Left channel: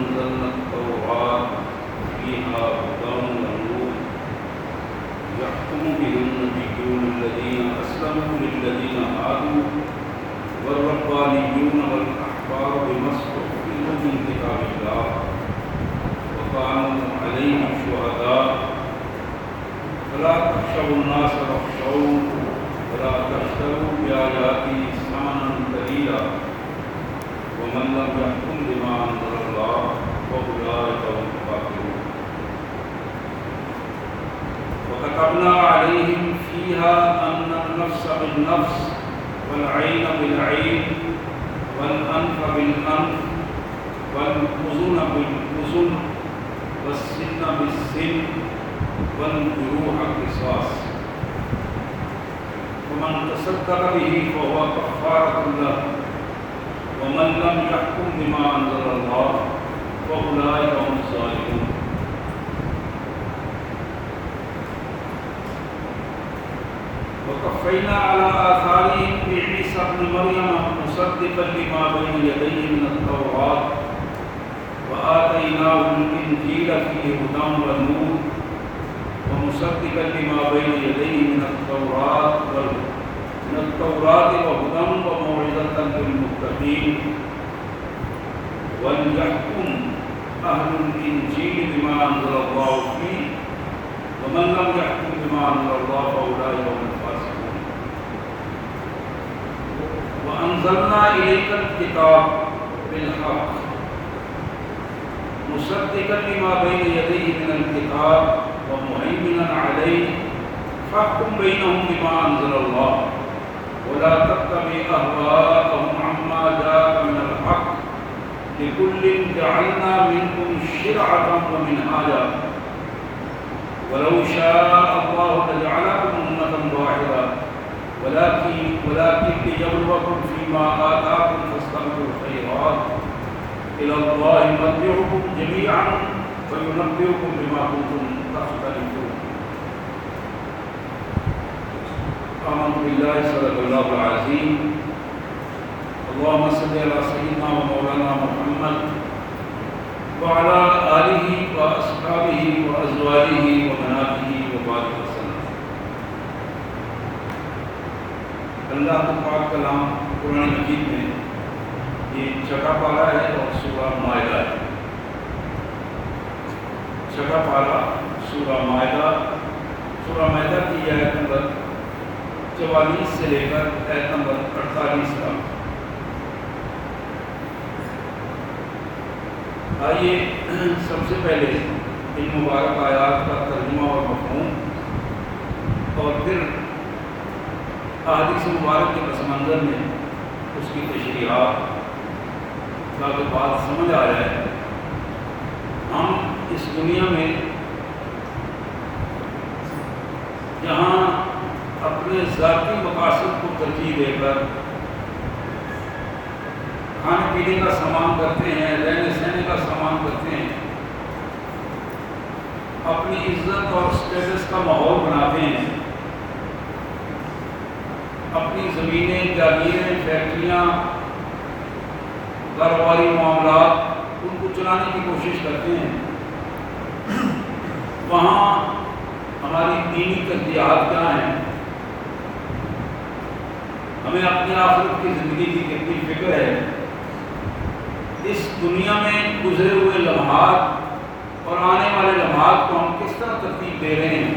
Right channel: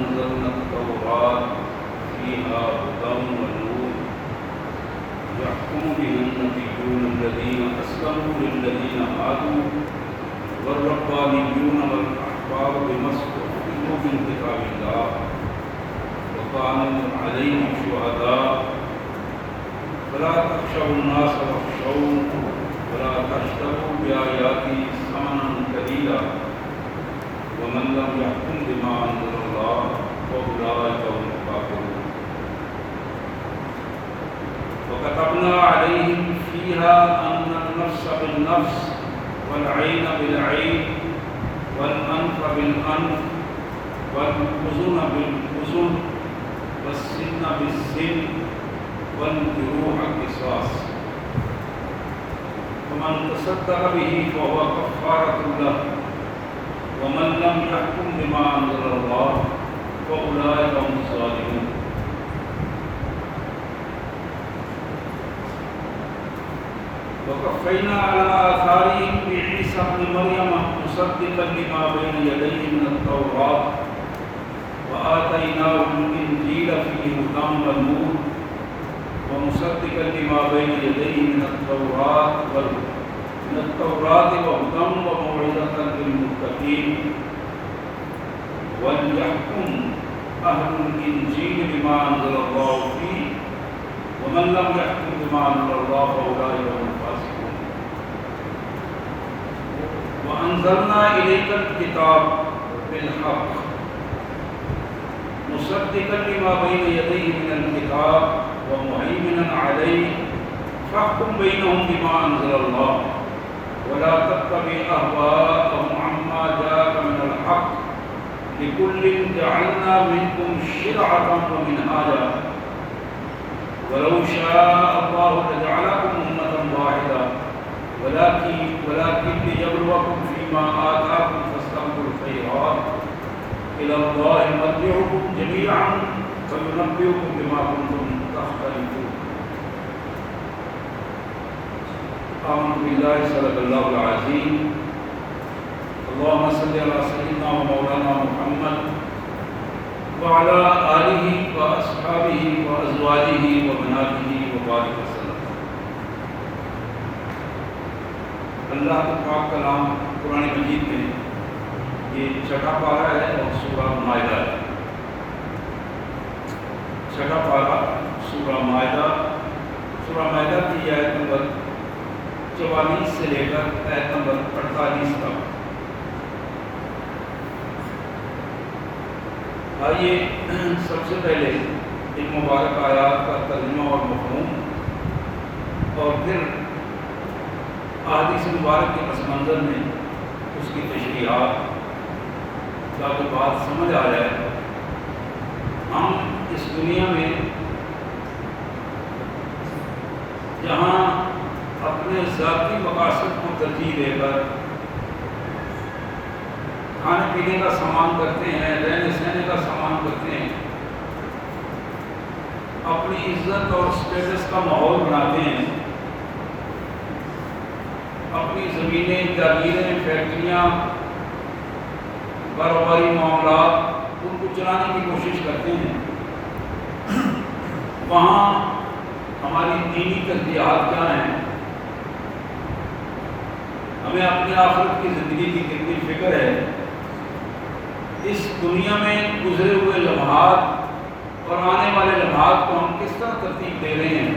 أنزلنا التوراة فيها هدى ونور يحكم بها النبيون الذين أسلموا للذين هادوا والربانيون والأحبار بما استحفظوا من كتاب الله وكانوا عليهم شهداء فلا تخشوا الناس واخشون ولا تشتروا بآياتي ثمنا قليلا ومن لم يحكم بما أنزل الله فأولئك هم الكافرون وكتبنا عليهم فيها أن النفس بالنفس والعين بالعين والأنف بالأنف والأذن بالأذن والسن بالسن والجروح قصاص ومن تصدق به فهو كفارة له ومن لم يحكم بما أنزل الله فأولئك هم الظالمون وكفينا على آثارهم بعيسى ابن مريم مصدقا لما بين يديه من التوراة وآتيناه الإنجيل فيه هدى ونور ومصدقا لما بين يديه من التوراة وهدى وموعظة للمتقين وليحكم أهل الإنجيل بما أنزل الله فيه ومن لم يحكم بما أنزل الله فأولئك هم الفاسقون وأنزلنا إليك الكتاب بالحق مصدقا لما بين يديه من الكتاب ومهيمنا عليه فاحكم بينهم بما أنزل الله ولا تتبع أهواءهم عما جاءك من الحق لكل جعلنا منكم شرعة ومنهاجا ولو شاء الله لجعلكم أمة واحدة ولكن ليبلوكم فيما آتاكم فاستبقوا الخيرات إلى الله مرجعكم جميعا وينبئكم بما كنتم تختلفون. آمنت بالله صدق الله العظيم. اللهم صل على سيدنا ومولانا محمد وعلى آلہ وأصحابہ وأزواجہ وبناتہ وبارک وسلم. اللہ کا پاک کلام قرآن مجید میں یہ چھٹا پارہ ہے اور سورہ مائدہ ہے. چھٹا پارہ سورہ مائدہ کی آیت نمبر 44 سے لے کر آیت نمبر 48 تک. آئیے سب سے پہلے ان مبارک آیات کا ترجمہ اور مفہوم اور پھر احادیث مبارک کے پس منظر میں اس کی تشریحات تاکہ بات سمجھ آ جائے. ہم اس دنیا میں جہاں اپنے ذاتی مقاصد کو ترجیح دے کر کھانے پینے کا سامان کرتے ہیں, رہنے سہنے کا سامان کرتے ہیں, اپنی عزت اور اسٹیٹس کا ماحول بناتے ہیں, اپنی زمینیں, جاگیریں, فیکٹریاں, کاروباری معاملات ان کو چلانے کی کوشش کرتے ہیں, وہاں ہماری دینی ترجیحات کیا ہیں؟ ہمیں اپنی آخرت کی زندگی کی کتنی فکر ہے؟ اس دنیا میں گزرے ہوئے لمحات اور آنے والے لمحات کو ہم کس طرح ترتیب دے رہے ہیں؟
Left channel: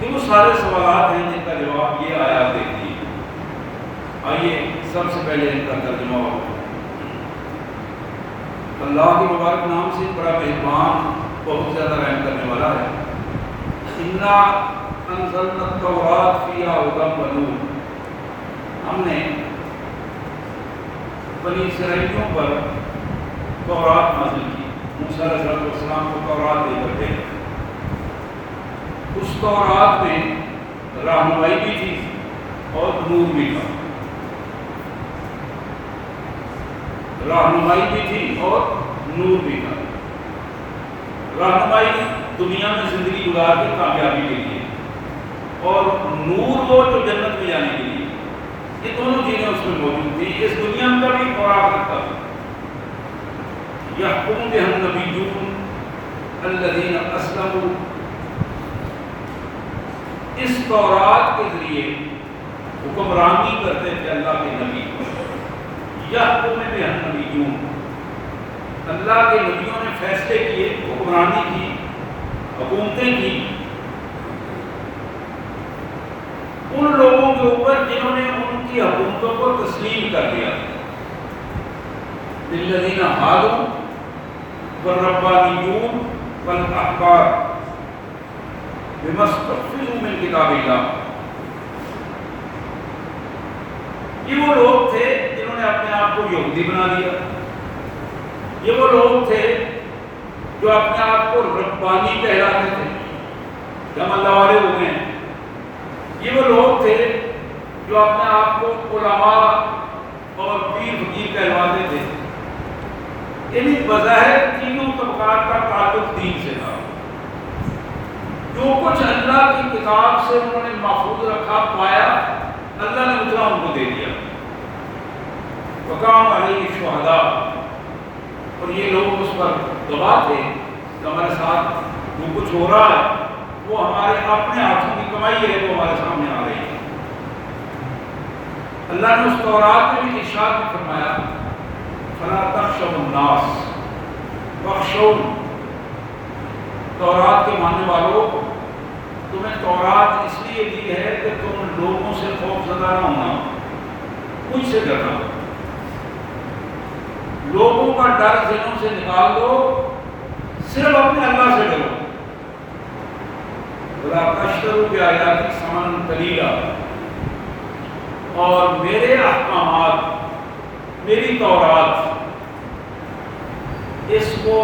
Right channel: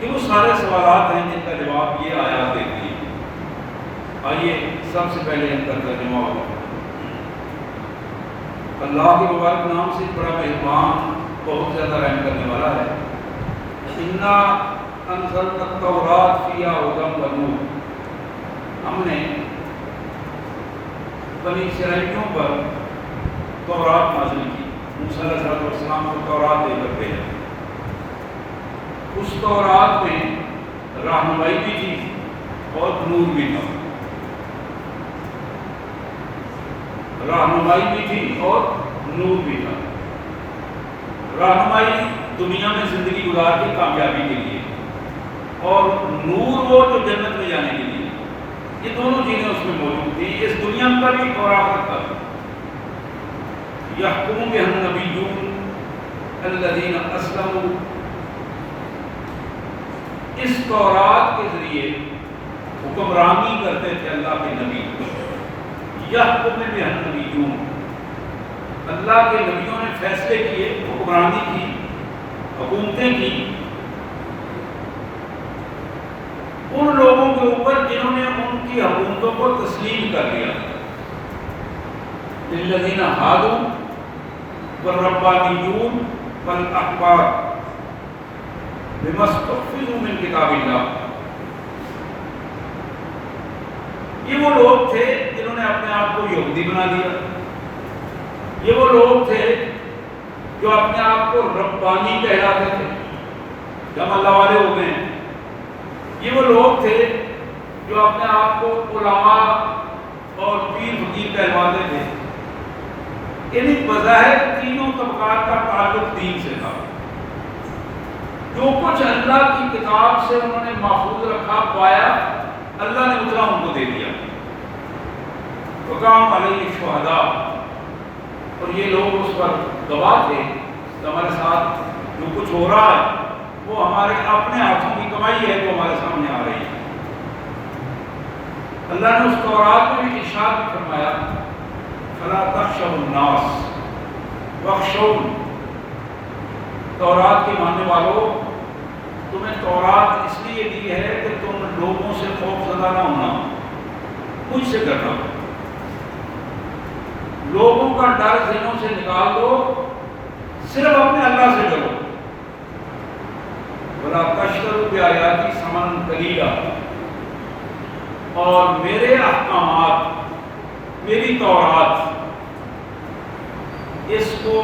یہ وہ سارے سوالات ہیں جن کا جواب یہ آیات دیتی ہے. آئیے سب سے پہلے ان کا ترجمہ ہو. اللہ کے مبارک نام سے بڑا مہربان, بہت زیادہ رحم کرنے والا ہے. انا انزلنا التوراۃ فیہا ھدی ونور. ہم نے بنی اسرائیلیوں پر تورات نازل کی. موسیٰ علیہ السلام کو تورات دے کر گئے. اس تورات میں رہنمائی بھی تھی اور نور بھی تھا. رہنمائی بھی تھی اور نور بھی تھا. رہنمائی دنیا میں زندگی گزار کے کامیابی کے لیے, اور نور وہ جو جنت میں جانے کے لیے. یہ دونوں چیزیں اس میں موجود تھیں, اس دنیا کا بھی اور آخرت کا بھی. یحکم بها النبیون الذین اسلموا، اس تورات کے ذریعے حکمرانی کرتے تھے اللہ کے نبی، یحکم بها النبیون، اللہ کے نبیوں نے فیصلے کیے، حکمرانی کی، حکومتیں کی ان لوگوں کے اوپر جنہوں نے ان کی حکومتوں کو تسلیم کر دیا، للذین ہادوا والربانیون والاحبار بما استحفظوا من کتاب اللہ، یہ وہ لوگ تھے جنہوں نے اپنے آپ کو یہودی بنا لیا، یہ وہ لوگ تھے جو اپنے آپ کو ربانی کہلاتے تھے کہ ہم اللہ والے ہو گئے ہیں، یہ وہ لوگ تھے جو اپنے آپ کو علماء اور پیر فقیر کہلواتے تھے، یعنی بظاہر تینوں طبقات کا تعلق دین سے تھا، جو کچھ اللہ کی کتاب سے انہوں نے محفوظ رکھا پایا اللہ نے اتنا ان کو دے دیا، وقام علیہ الشہداء، اور یہ لوگ اس پر گواہ تھے کہ ہمارے ساتھ جو کچھ ہو رہا ہے وہ ہمارے اپنے ہاتھوں کی کمائی ہے جو ہمارے سامنے آ رہی ہے۔ اللہ نے اس تورات میں بھی ارشاد بھی فرمایا فلا تخشوا الناس واخشون، تورات کے ماننے والوں تمہیں تورات اس لیے دی ہے کہ تم لوگوں سے خوف زدہ نہ ہونا، مجھ سے ڈرنا، لوگوں کا ڈر ذہنوں سے نکال دو، صرف اپنے اللہ سے ڈرو، وَلَا تَشْتَرُوا بِآيَاتِي ثَمَنًا قَلِيلًا، اور میرے احکامات، میری تورات، اس کو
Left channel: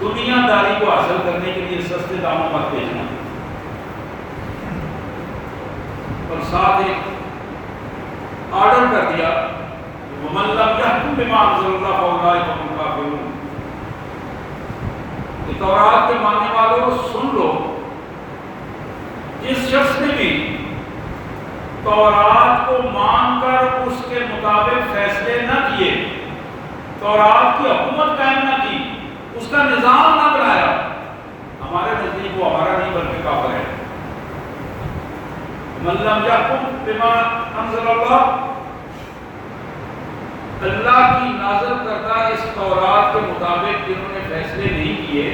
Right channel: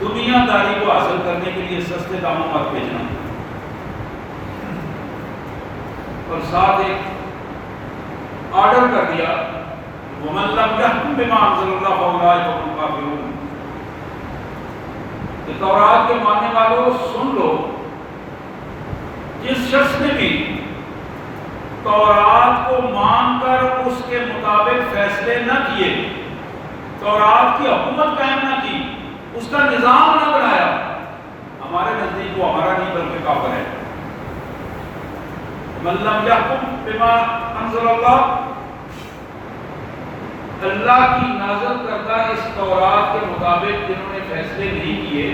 دنیا داری کو حاصل کرنے کے لیے سستے داموں پر بھیجنا، اور ساتھ ایک آرڈر کر دیا وَمَن لَّمْ يَحْكُم بِمَا أَنزَلَ اللَّهُ فَأُولَٰئِكَ هُمُ الْكَافِرُونَ، کہ تورات کے ماننے والوں سن لو، جس شخص نے بھی تورات کو مان کر اس کے مطابق فیصلے نہ کیے، تورات کی حکومت قائم نہ کی، اس کا نظام نہ بنایا، ہمارے نزدیک وہ ہمارا نہیں بلکہ کافر ہے۔ مَن لَّمْ يَحْكُم بِمَا أَنزَلَ اللَّهُ، اللہ کی نازل کردہ اس تورات کے مطابق جنہوں نے فیصلے نہیں کیے،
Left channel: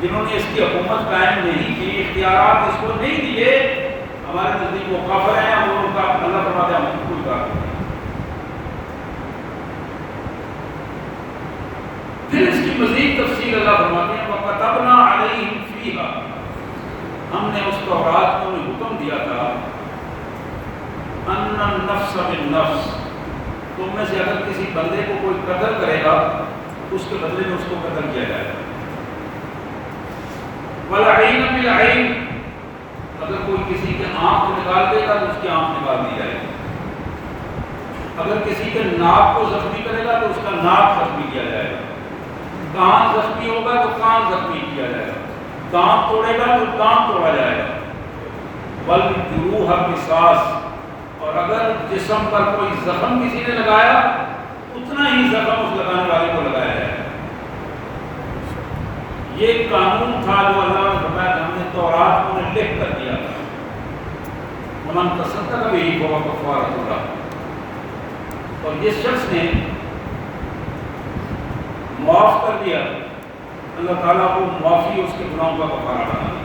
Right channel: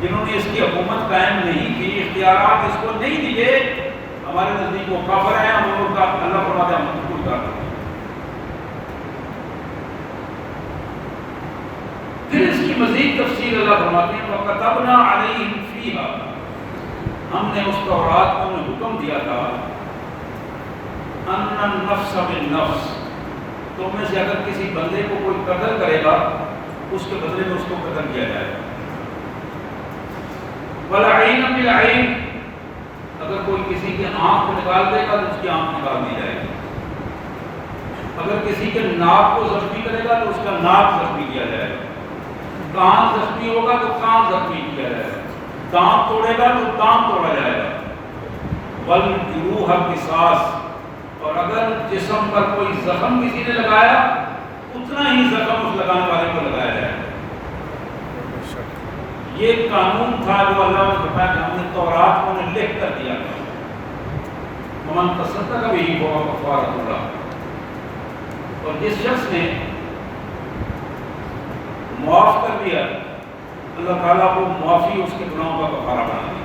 جنہوں نے اس کی حکومت قائم نہیں کی، اختیارات اس کو نہیں دیے، ہمارے نزدیک وہ کافر ہیں، ہم ان کا اللہ فرماتے ہیں ہم کوئی کافر نہیں۔ پھر اس کی مزید تفصیل اللہ فرماتے ہیں وَكَتَبْنَا عَلَيْهِمْ فِيهَا، ہم نے اس تورات کو حکم دیا تھا أَنَّ النَّفْسَ بِالنَّفْسِ، تو میں سے اگر کسی بندے کو کوئی قتل کرے گا اس کے بدلے میں اس کو قتل کیا جائے گا، وَالْعَيْنَ بِالْعَيْنِ، اگر کوئی کسی کے آنکھ نکال دے گا تو اس کی آنکھ نکال دی جائے گی، اگر کسی کے ناک کو زخمی کرے گا تو اس کا ناک زخمی کیا جائے گا، کان زخمی ہوگا تو کان زخمی کیا جائے گا، دانت توڑے گا تو دانت توڑا جائے گا، وَالْجُرُوحَ قِصَاص، اور اگر جسم پر کوئی زخم کسی نے لگایا اتنا ہی زخم اس لگانے والے کو لگایا جائے گا۔ یہ قانون تھا جو اللہ نے فرمایا کہ ہم نے تورات کو نے لکھ کر دیا تھا، وَمَن تَصَدَّقَ بِهِ فَهُوَ كَفَّارَةٌ لَهُ، اور جس شخص نے معاف کر دیا اللہ تعالیٰ کو معافی اس کے گناہوں کا کفارہ بنا دیا۔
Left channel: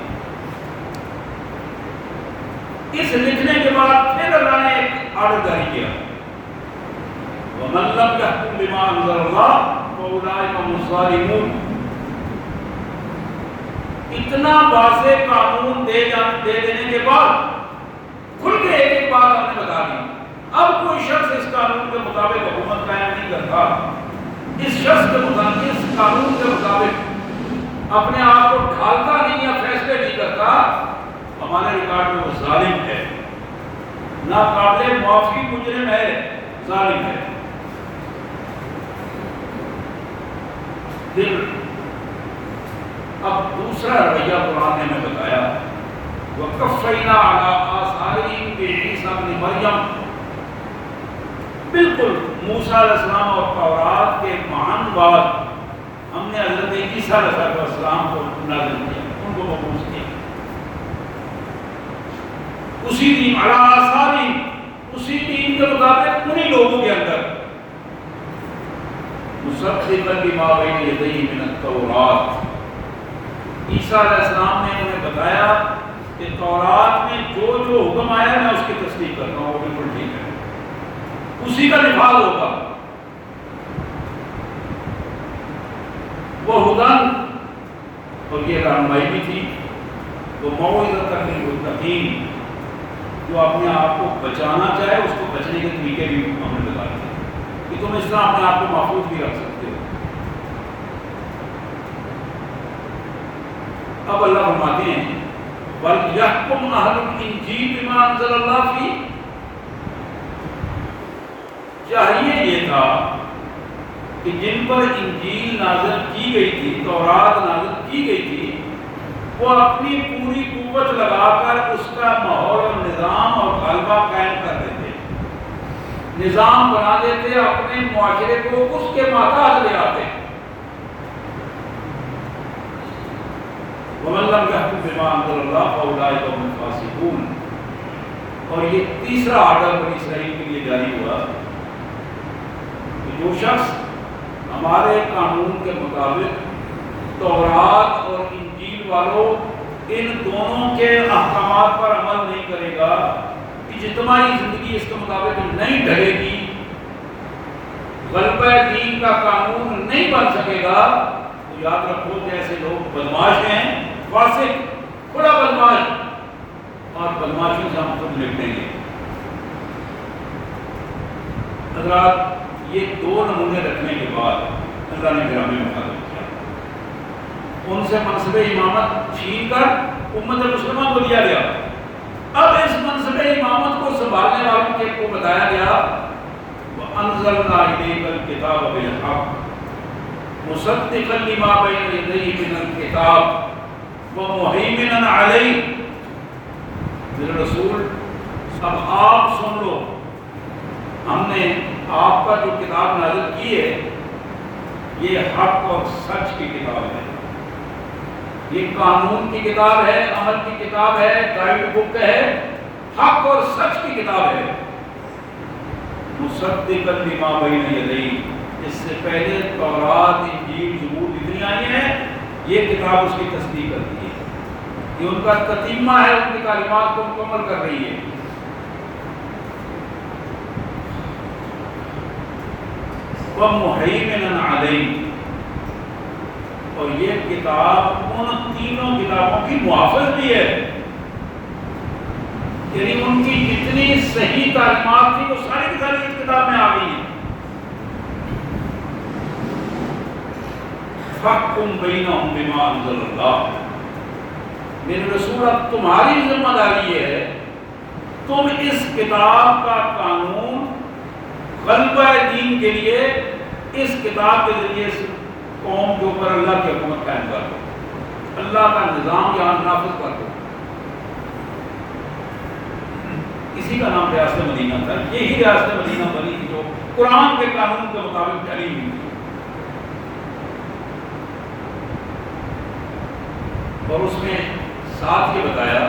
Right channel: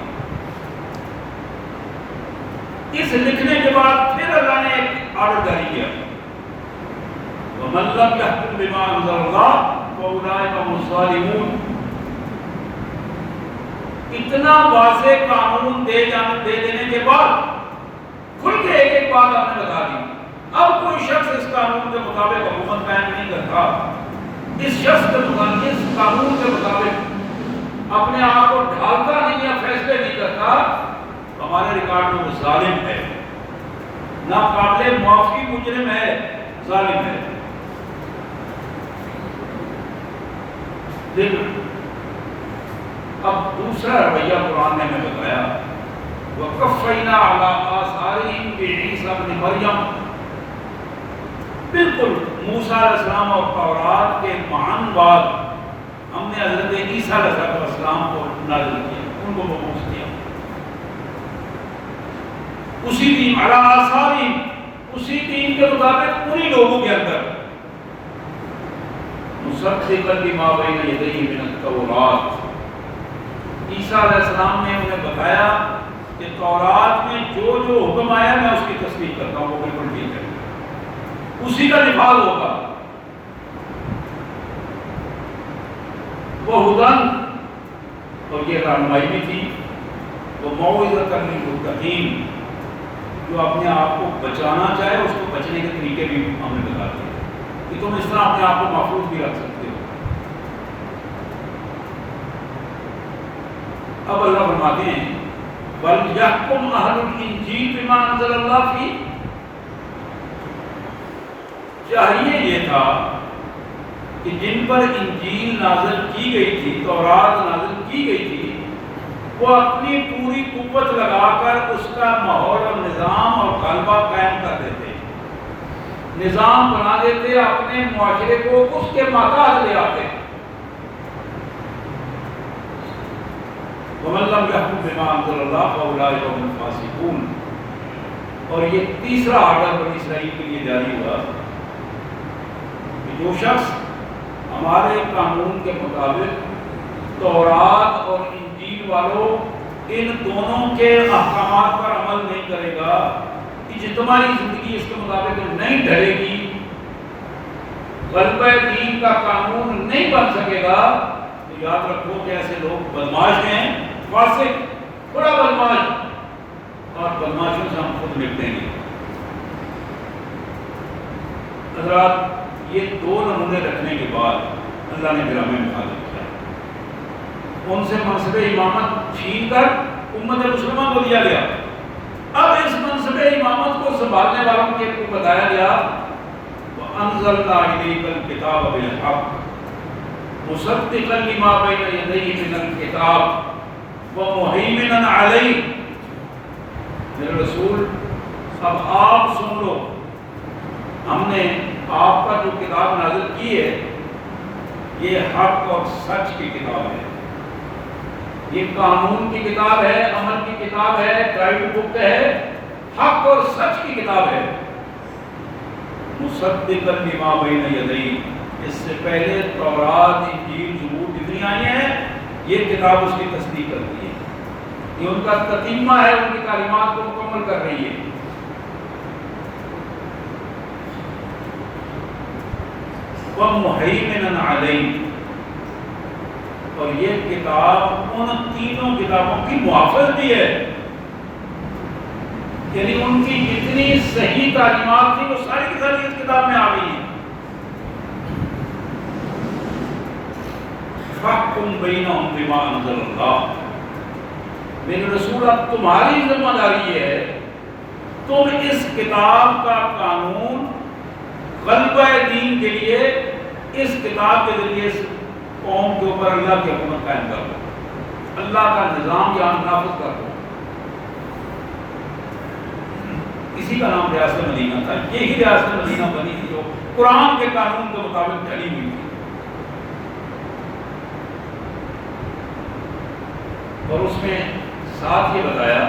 اس لکھنے کے بعد پھر اللہ نے ایک آرڈر جاری کیا وَمَن لَّمْ يَحْكُم بِمَا أَنزَلَ اللَّهُ فَأُولَٰئِكَ هُمُ الظَّالِمُونَ، اتنا واضح قانون دے دینے کے بعد کھل کے ایک بات آپ نے بتا دی، اب کوئی شخص اس قانون کے مطابق حکومت قائم نہیں کرتا، اس شخص کے مطابق، اس قانون کے مطابق اپنے آپ کو ڈھالتا نہیں یا فیصلے نہیں کرتا، ہمارے ریکارڈ میں وہ ظالم ہے، ناقابل معافی مجرم ہے، ظالم ہے۔ پھر اب دوسرا رویہ قرآن نے ہمیں بتایا وَقَفَّيْنَا عَلَىٰ آثَارِهِمْ بِعِیسَىٰ ابْنِ مَرْیَم، بالکل موسیٰ علیہ السلام اور تورات کے معن بعد ہم نے حضرت عیسیٰ علیہ السلام کو نازل کیا، ان کو مبعوث کیا، اسی دین علی آثاری، اسی دین کے مطابق انہی لوگوں کے اندر، مصدقا لما بین یدیہ من التوراۃ۔ عیسیٰ علیہ السلام نے انہیں بتایا کہ تورات میں جو جو حکم آیا میں اس کی تصدیق کرتا ہوں، وہ بالکل ٹھیک ہے، اسی کا نفاذ ہوگا۔ وہ ہدن، اور یہ رہنمائی بھی تھی، وہ موعظۃ للمتقین، جو اپنے آپ کو بچانا چاہے اس کو بچنے کے طریقے بھی ہم نے بتا دیے کہ تم اس طرح اپنے آپ کو محفوظ بھی رکھ سکتے ہو۔ اب اللہ فرماتے ہیں وَلْيَحْكُمْ أَهْلُ الْإِنْجِيلِ بِمَا أَنزَلَ اللَّهُ فِيهِ، چاہیے یہ تھا کہ جن پر انجیل نازل کی گئی تھی، تورات نازل کی گئی تھی، وہ اپنی پوری قوت لگا کر اس کا ماحول اور نظام اور غلبہ قائم کر دیتے، نظام بنا دیتے، اپنے معاشرے کو اس کے ماتحت لے آتے۔ وَمَن لَّمْ يَحْكُم بِمَا أَنزَلَ اللَّهُ فَأُولَٰئِكَ هُمُ الْفَاسِقُونَ۔ اور یہ تیسرا آرڈر بنی اسرائیل کے لیے جاری ہوا کہ جو شخص ہمارے قانون کے مطابق تورات اور انجیل والوں ان دونوں کے احکامات پر عمل نہیں کرے گا، اجتماعی زندگی اس کے مطابق نہیں ڈھلے گی، غلبہ دین کا قانون نہیں بن سکے گا، تو یاد رکھو کہ ایسے لوگ بدماش ہیں، فاسق، بڑا بدماش، اور بدماشوں سے ہم خود نپٹیں گے۔ حضرات، یہ دو نمونے رکھنے کے بعد اللہ نے گرامی مخالف کیا، ان سے منصب امامت چھین کر امت مسلمہ کو دیا گیا۔ اب اس منصب امامت کو سنبھالنے والوں کے کو بتایا گیا وَأَنزَلْنَا إِلَيْكَ الْكِتَابَ بِالْحَقِّ مُصَدِّقًا لِمَا بَيْنَ يَدَيْهِ مِنَ الْكِتَابِ وَمُهَيْمِنًا عَلَيْهِ۔ میرے رسول، اب آپ سن لو، ہم نے آپ پر جو کتاب نازل کی ہے یہ حق اور سچ کی کتاب ہے، یہ قانون کی کتاب ہے، عمل کی کتاب ہے، گائیڈ بک ہے، حق اور سچ کی کتاب ہے۔ مصدقا لما بین یدیہ، اس سے پہلے تورات، انجیل، زبور جتنی آئی ہیں یہ کتاب اس کی تصدیق کرتی ہے، یہ ان کا تتمہ ہے، ان کی تعلیمات کو مکمل کر رہی ہے۔ وَمُهَيْمِنًا عَلَيْهِ، اور یہ کتاب ان تینوں کتابوں کی محافظ بھی ہے، یعنی ان کی جتنی صحیح تعلیمات تھی وہ ساری کی ساری اس کتاب میں آ گئی ہیں۔ فَحْكُم بَيْنَهُم بِمَا أَنزَلَ اللَّهُ، میرے رسول اب تمہاری ذمہ داری ہے، تم اس کتاب کا قانون غلبہ دین کے لیے اس کتاب کے ذریعے اس قوم کے اوپر اللہ کی حکومت قائم کر دو، اللہ کا نظام یہاں نافذ کر دو۔ اسی کا نام ریاست مدینہ تھا، یہی ریاست مدینہ بنی تھی جو قرآن کے قانون کے مطابق ڈھلی ہوئی تھی، اور اس میں ساتھ یہ بتایا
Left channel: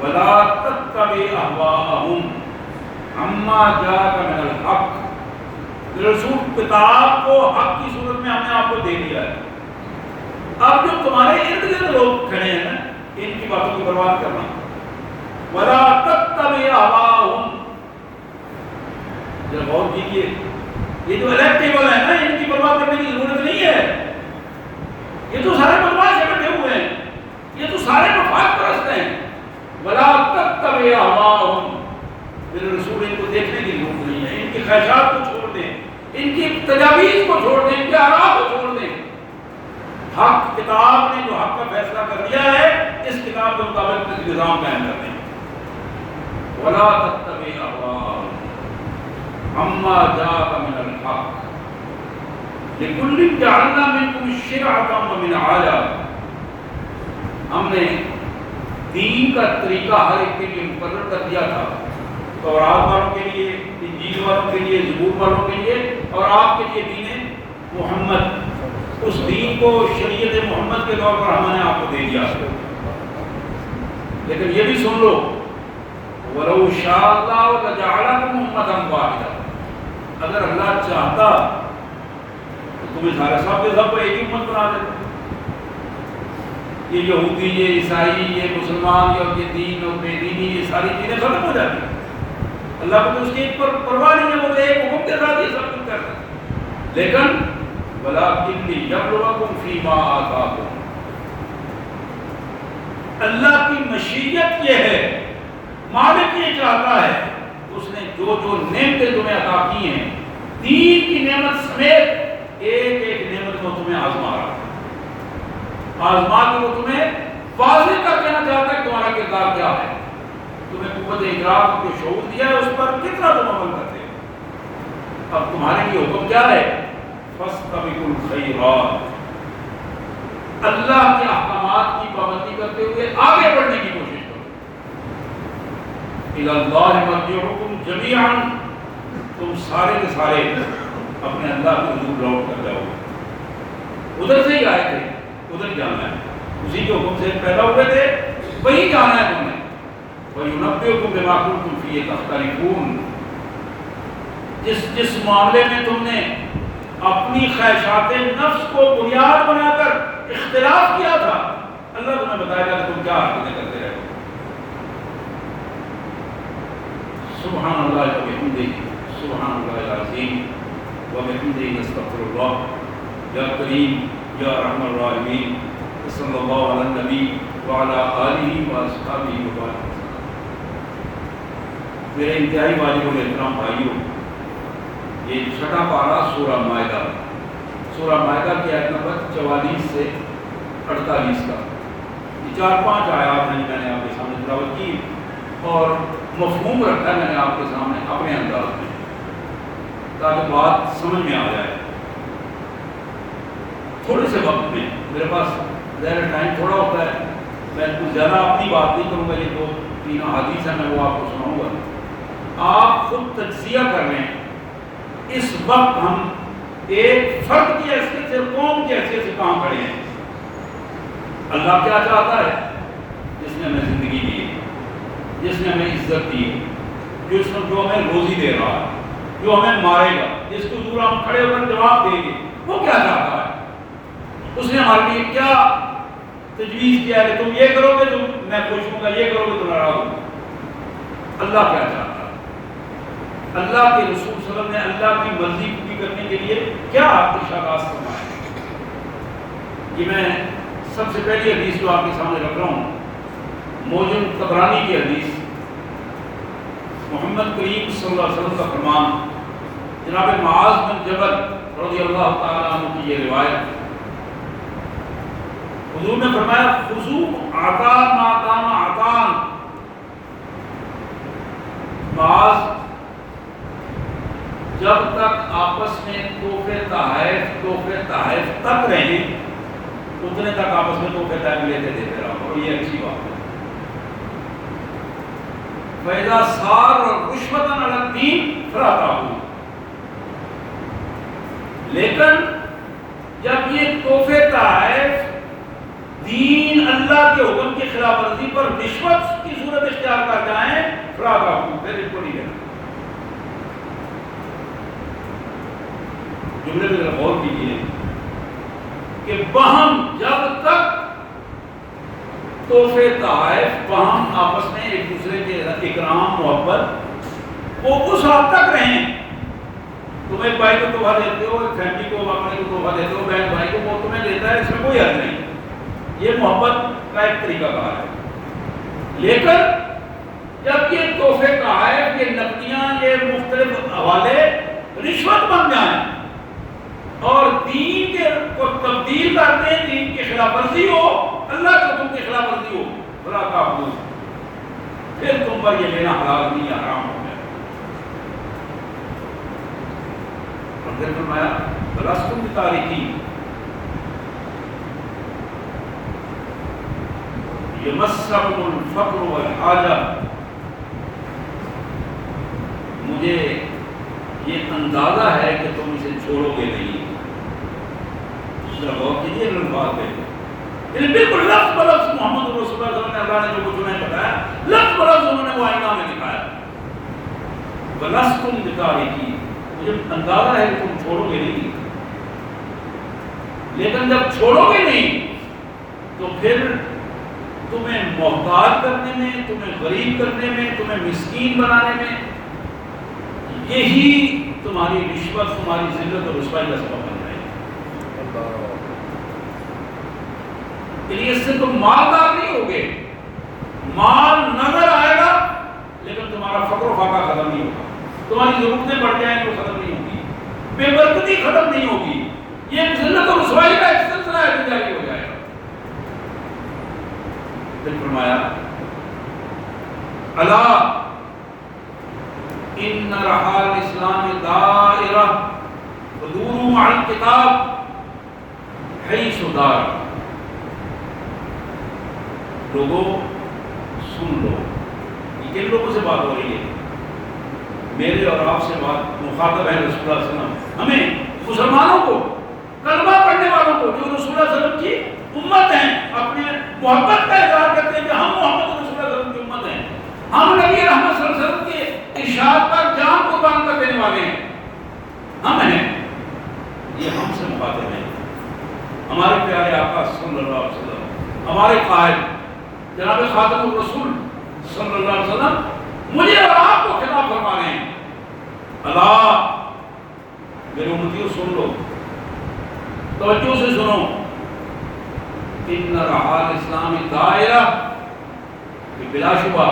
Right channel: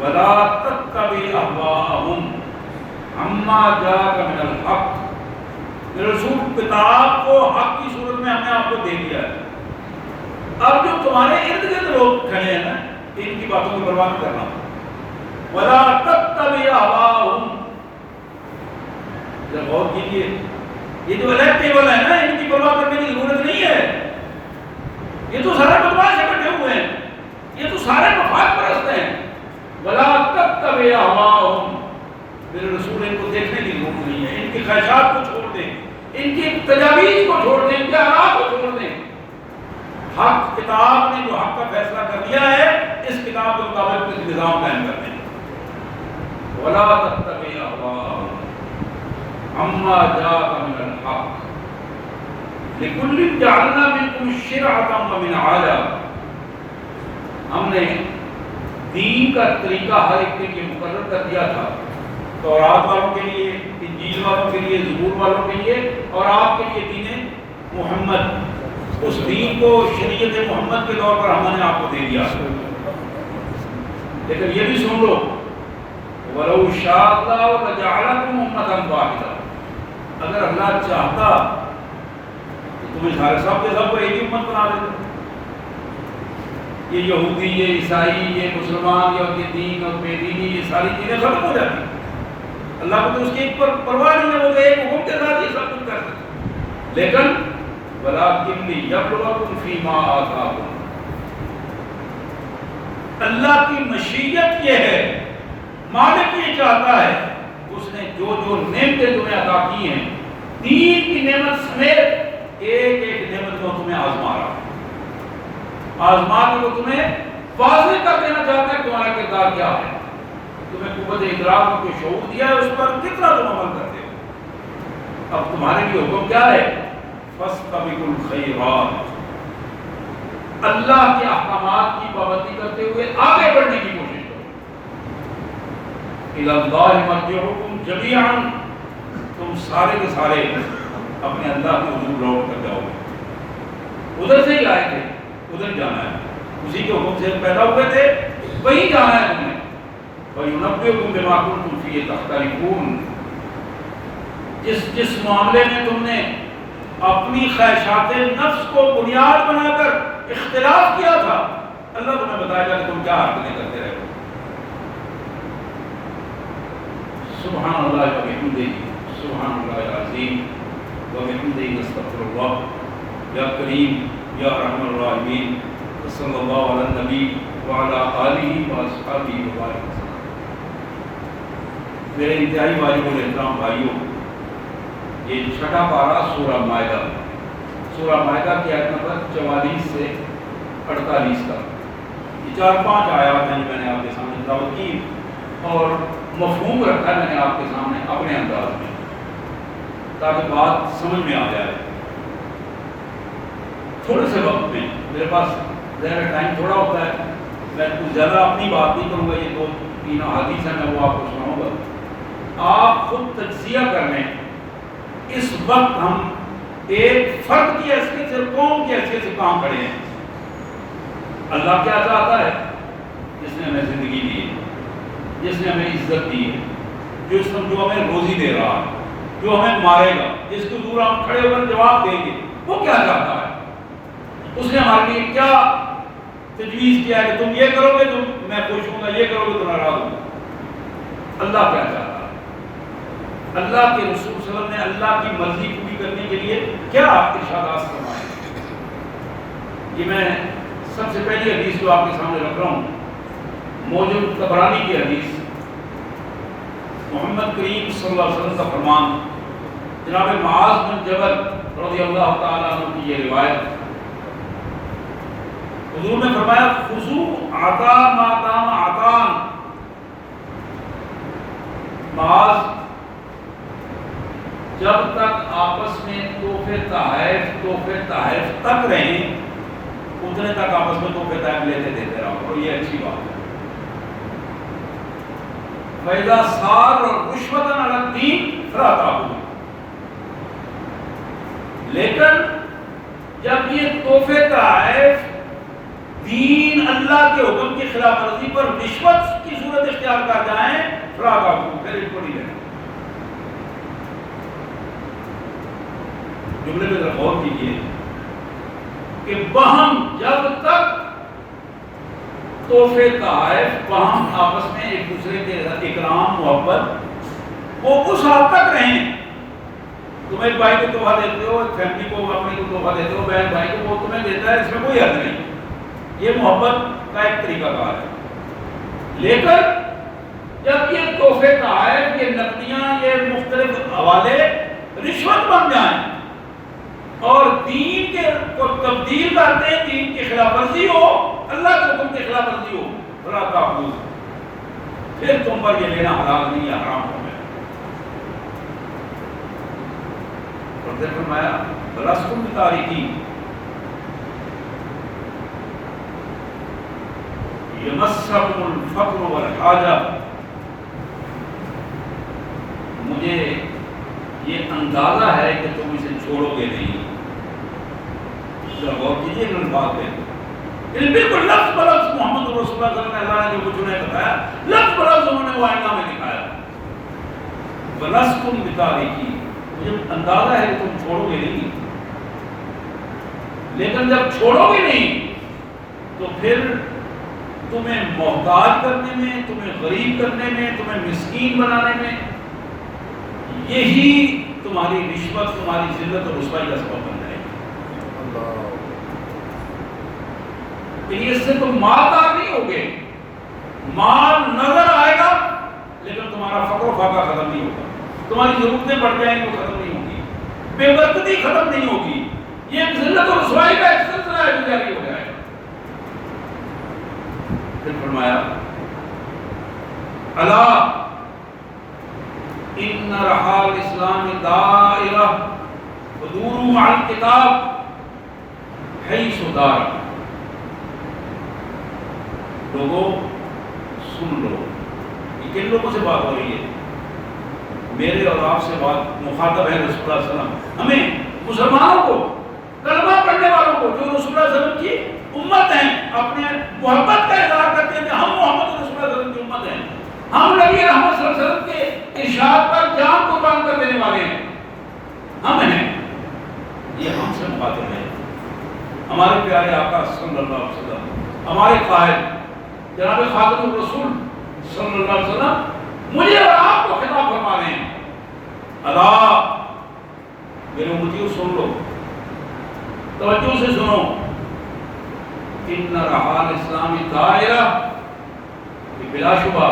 وَلَا تَتَّبِعْ أَهْوَاءَهُمْ عَمَّا جَاءَكَ مِنَ الْحَقِّ۔ رسول کتاب کو حق کی صورت میں ہم نے آپ کو دے دیا ہے، اب جو تمہارے ارد گرد لوگ کھڑے ہیں نا، ان کی باتوں کی پرواہ نہیں کرنا۔ وَلَا تَتَّبِعْ أَهْوَاءَهُمْ، ذرا غور کیجیے، یہ جو الیکٹیبل ہے نا، ان کی پرواہ کرنے کی ضرورت نہیں ہے، یہ تو سارے بدماش اکٹھے ہوئے ہیں، یہ تو سارے مفاد پرست ہیں۔ وَلَا تَتَّبِعْ أَهْوَاءَهُمْ، میرے رسول ان کو دیکھنے کی ضرورت نہیں ہے، ان کی خواہشات کو چھوڑ دیں، ان کی تجاویز کو چھوڑ دیں، ان کے آراء کو چھوڑ دیں۔ حق کتاب نے جو حق کا فیصلہ کر دیا ہے، اس کتاب کے مطابق اس نظام قائم کر دیں۔ وَلَا تَتَّبِعْ أَهْوَاءَهُمْ عَمَّا جَاءَكَ مِنَ الْحَقِّ لِكُلٍّ جَعَلْنَا مِنكُمْ شِرْعَةً وَمِنْهَاجًا، ہم نے دین کا طریقہ ہر ایک کے لیے مقرر کر دیا تھا، تورات والوں کے لیے، انجیل والوں کے لیے، زبور والوں کے لیے، اور آپ کے لیے دین محمد۔ اس دین کو شریعت محمد کے طور پر ہم نے آپ کو دے دیا، لیکن یہ بھی سن لو وَلَوْ شَاءَ اللَّهُ لَجَعَلَكُمْ أُمَّةً وَاحِدَةً، اگر اللہ چاہتا تو تمہیں سارے سب کے سب کو ایک ہی امت بنا دیتا۔ یہ یہودی، یہ عیسائی، یہ مسلمان، یہ دین اور بے دینی، یہ ساری چیزیں ختم ہو جاتی ہیں۔ اللہ کو تو اس کی پرواہ نہیں ہے، وہ تو ایک حکم کے ساتھ یہ سب کچھ کرتے ہیں۔ لیکن وَلَٰكِن لِيَبْلُوَكُمْ فِي مَا آتَاكُمْ، اللہ کی مشیت یہ ہے، مالک یہ چاہتا ہے، اس نے جو جو نعمتیں تمہیں عطا کی ہیں، دین کی نعمت سمیت ایک ایک نعمت کو تمہیں آزما رہا ہے، آزما کے وہ تمہیں واضح کر دینا چاہتا ہے تمہارا کردار کیا ہے، تمہیں قوت ادراک کو شعور دیا ہے، اس پر کتنا تم عمل کرتے ہو۔ اب تمہارے لیے حکم کیا ہے؟ فَاسْتَبِقُوا الْخَيْرَاتِ، اللہ کے احکامات کی پابندی کرتے ہوئے آگے بڑھنے کی کوشش کرو۔ إِلَى اللَّهِ مَرْجِعُكُمْ جَمِيعًا، تم سارے کے سارے اپنے اللہ کے حضور لوٹ کر جاؤ گے، ادھر سے ہی آئے تھے، ادھر جانا ہے، اسی کے حکم سے پیدا ہوئے تھے، وہی جانا ہے تم نے۔ وَيُنَبِّئُكُم بِمَا كُنتُمْ فِيهِ تَخْتَلِفُونَ، جس معاملے میں تم نے اپنی خواہشات نفس کو بنیاد بنا کر اختلاف کیا تھا، اللہ تمہیں بتائے گا کہ تم کیا حرکتیں کرتے رہے۔ سبحان اللہ وبحمدہ، سبحان اللہ العظیم وبحمدہ، نستغفر اللہ، یا کریم یا ارحم الراحمین، صلی اللہ علی النبی وعلی آلہ واصحابہ وبارک وسلم۔ میرے انتہائی واجب الاحترام بھائیوں، یہ چھٹا پارہ سورہ مائدہ، سورہ مائدہ کی آیت نمبر 44 سے 48 تک، یہ 4-5 آیات ہیں میں نے آپ کے سامنے تلاوت کی اور مفہوم رکھا ہے میں نے آپ کے سامنے اپنے انداز میں، تاکہ بات سمجھ میں آ جائے۔ تھوڑے سے وقت میں، میرے پاس ظاہر ٹائم تھوڑا ہوتا ہے، میں کچھ زیادہ اپنی بات نہیں کروں گا، یہ 2-3 احادیث ہیں میں وہ آپ کو سناؤں گا، آپ خود تجزیہ کر لیں۔ اس وقت ہم ایک فرد کی حیثیت سے، قوم کی حیثیت سے کہاں کھڑے ہیں؟ اللہ کیا چاہتا ہے؟ جس نے ہمیں زندگی دی ہے، جس نے ہمیں عزت دی ہے، جو ہمیں روزی دے رہا ہے، جو ہمیں مارے گا، جس کو دور ہم کھڑے ہو کر جواب دیں گے، وہ کیا چاہتا ہے؟ اس نے ہمارے لیے کیا تجویز کیا ہے کہ تم یہ کرو گے تو میں خوش ہوں گا، یہ کرو گے تو ناراض ہوں گا؟ اللہ کیا چاہتا ہے؟ اللہ کے رسول صلی اللہ علیہ وسلم نے اللہ کی مرضی پوری کرنے کے لیے کیا ارشادات فرمائے؟ یہ میں سب سے پہلی حدیث جو آپ کے سامنے رکھ رہا ہوں، موجود طبرانی کی حدیث، محمد کریم صلی اللہ علیہ وسلم کا فرمان، جناب معاذ بن جبل رضی اللہ تعالیٰ عنہ کی یہ روایت، حضور نے فرمایا خذوا عطا ما دام عطان، معاذ جب تک آپس میں تحفے تحائف تک رہیں، اتنے تک آپس میں تحفے تحائف لیتے دیتے رہو، اور یہ اچھی بات ہے۔ فَإِذَا صَارَ رُشْوَةً عَلَى الدِّينِ فَرَاقَهُ، لیکن جب یہ تحفے تحائف دین اللہ کے حکم کی خلاف ورزی پر رشوت کی صورت اختیار کر جائیں، فَرَاقَهُ، پھر ان کو نہیں دینا۔ جملے میں غور کیجیے کہ بہم جب تک تحفے تحائف بہم آپس میں ایک دوسرے کے اکرام محبت وہ اس حد تک رہیں، تم ایک بھائی کو تحفہ دیتے ہو، ایک فیملی کو اپنے کو تحفہ دیتے ہو، بہن بھائی کو وہ تمہیں دیتا ہے، اس میں کوئی حد نہیں، یہ محبت کا ایک طریقہ کار ہے۔ لیکن جب یہ تحفے تحائف، یہ نقدیاں، یہ مختلف حوالے رشوت بن جائیں اور دین کے کو تبدیل کرتے ہیں، دین کی خلاف ورزی ہو، اللہ کے حکم کی خلاف ورزی ہو، فلا تأخذوا، پھر تم پر یہ لینا حلال نہیں، حرام ہو گیا۔ اور پھر فرمایا بلستم بتارکین یمسکم الفقر والحاجہ، مجھے یہ اندازہ ہے کہ تم اسے چھوڑو گے نہیں، ذرا غور کیجیے ان الفاظ پہ، یعنی بالکل لفظ بلفظ محمد رسول اللہ صلی اللہ علیہ وسلم نے اللہ نے جو کچھ انہیں بتایا لفظ بلفظ انہوں نے وہ آئینہ میں دکھایا. وَلَسْتُمْ بِتَارِكِينَ، مجھے اندازہ ہے کہ تم چھوڑو گے نہیں، لیکن جب چھوڑو گے نہیں تو پھر تمہیں محتاج کرنے میں، تمہیں غریب کرنے میں، تمہیں مسکین بنانے میں یہی تمہاری رشوت، تمہاری ذلت اور رسوائی کا سبب بن جائے گا. اس سے تم مالدار نہیں ہوگے، مال نظر آئے گا لیکن تمہارا فقر و فاقہ ختم نہیں ہوگا، تمہاری ضرورتیں بڑھ جائیں گی وہ ختم نہیں ہوگی، بے برکتی ختم نہیں ہوگی، یہ ذلت اور رسوائی کا ایک سلسلہ ہے جو جاری ہو جائے گا. پھر فرمایا الا ان رحال اسلام دائرہ ودوروا مع الکتاب حیث دار. لوگوں سن لو، یہ کن لوگوں سے بات ہو رہی ہے؟ میرے اور آپ سے بات، مخاطب ہے رسول اللہ صلی اللہ علیہ وسلم. ہمیں مسلمانوں کو، کلمہ پڑھنے والوں کو جو رسول اللہ صلی اللہ علیہ وسلم کی امت ہیں، اپنے محبت کا اظہار کرتے ہیں کہ ہم محمد رسول اللہ صلی اللہ علیہ وسلم کی امت ہیں، ہم نبی رحمت صلی اللہ علیہ وسلم کے ارشاد پر جان قربان کر دینے والے ہیں، ہم ہیں. یہ ہم سے مخاطب ہیں، ہمارے پیارے آقا صلی اللہ علیہ وسلم، ہمارے قائد جناب خاتم الرسول صلی اللہ علیہ وسلم مجھے اور آپ کو خطاب فرما رہے ہیں. اللہ میرے امتیوں سن لو، توجہ سے سنو. ان رحال اسلام دائرہ، بلا شبہ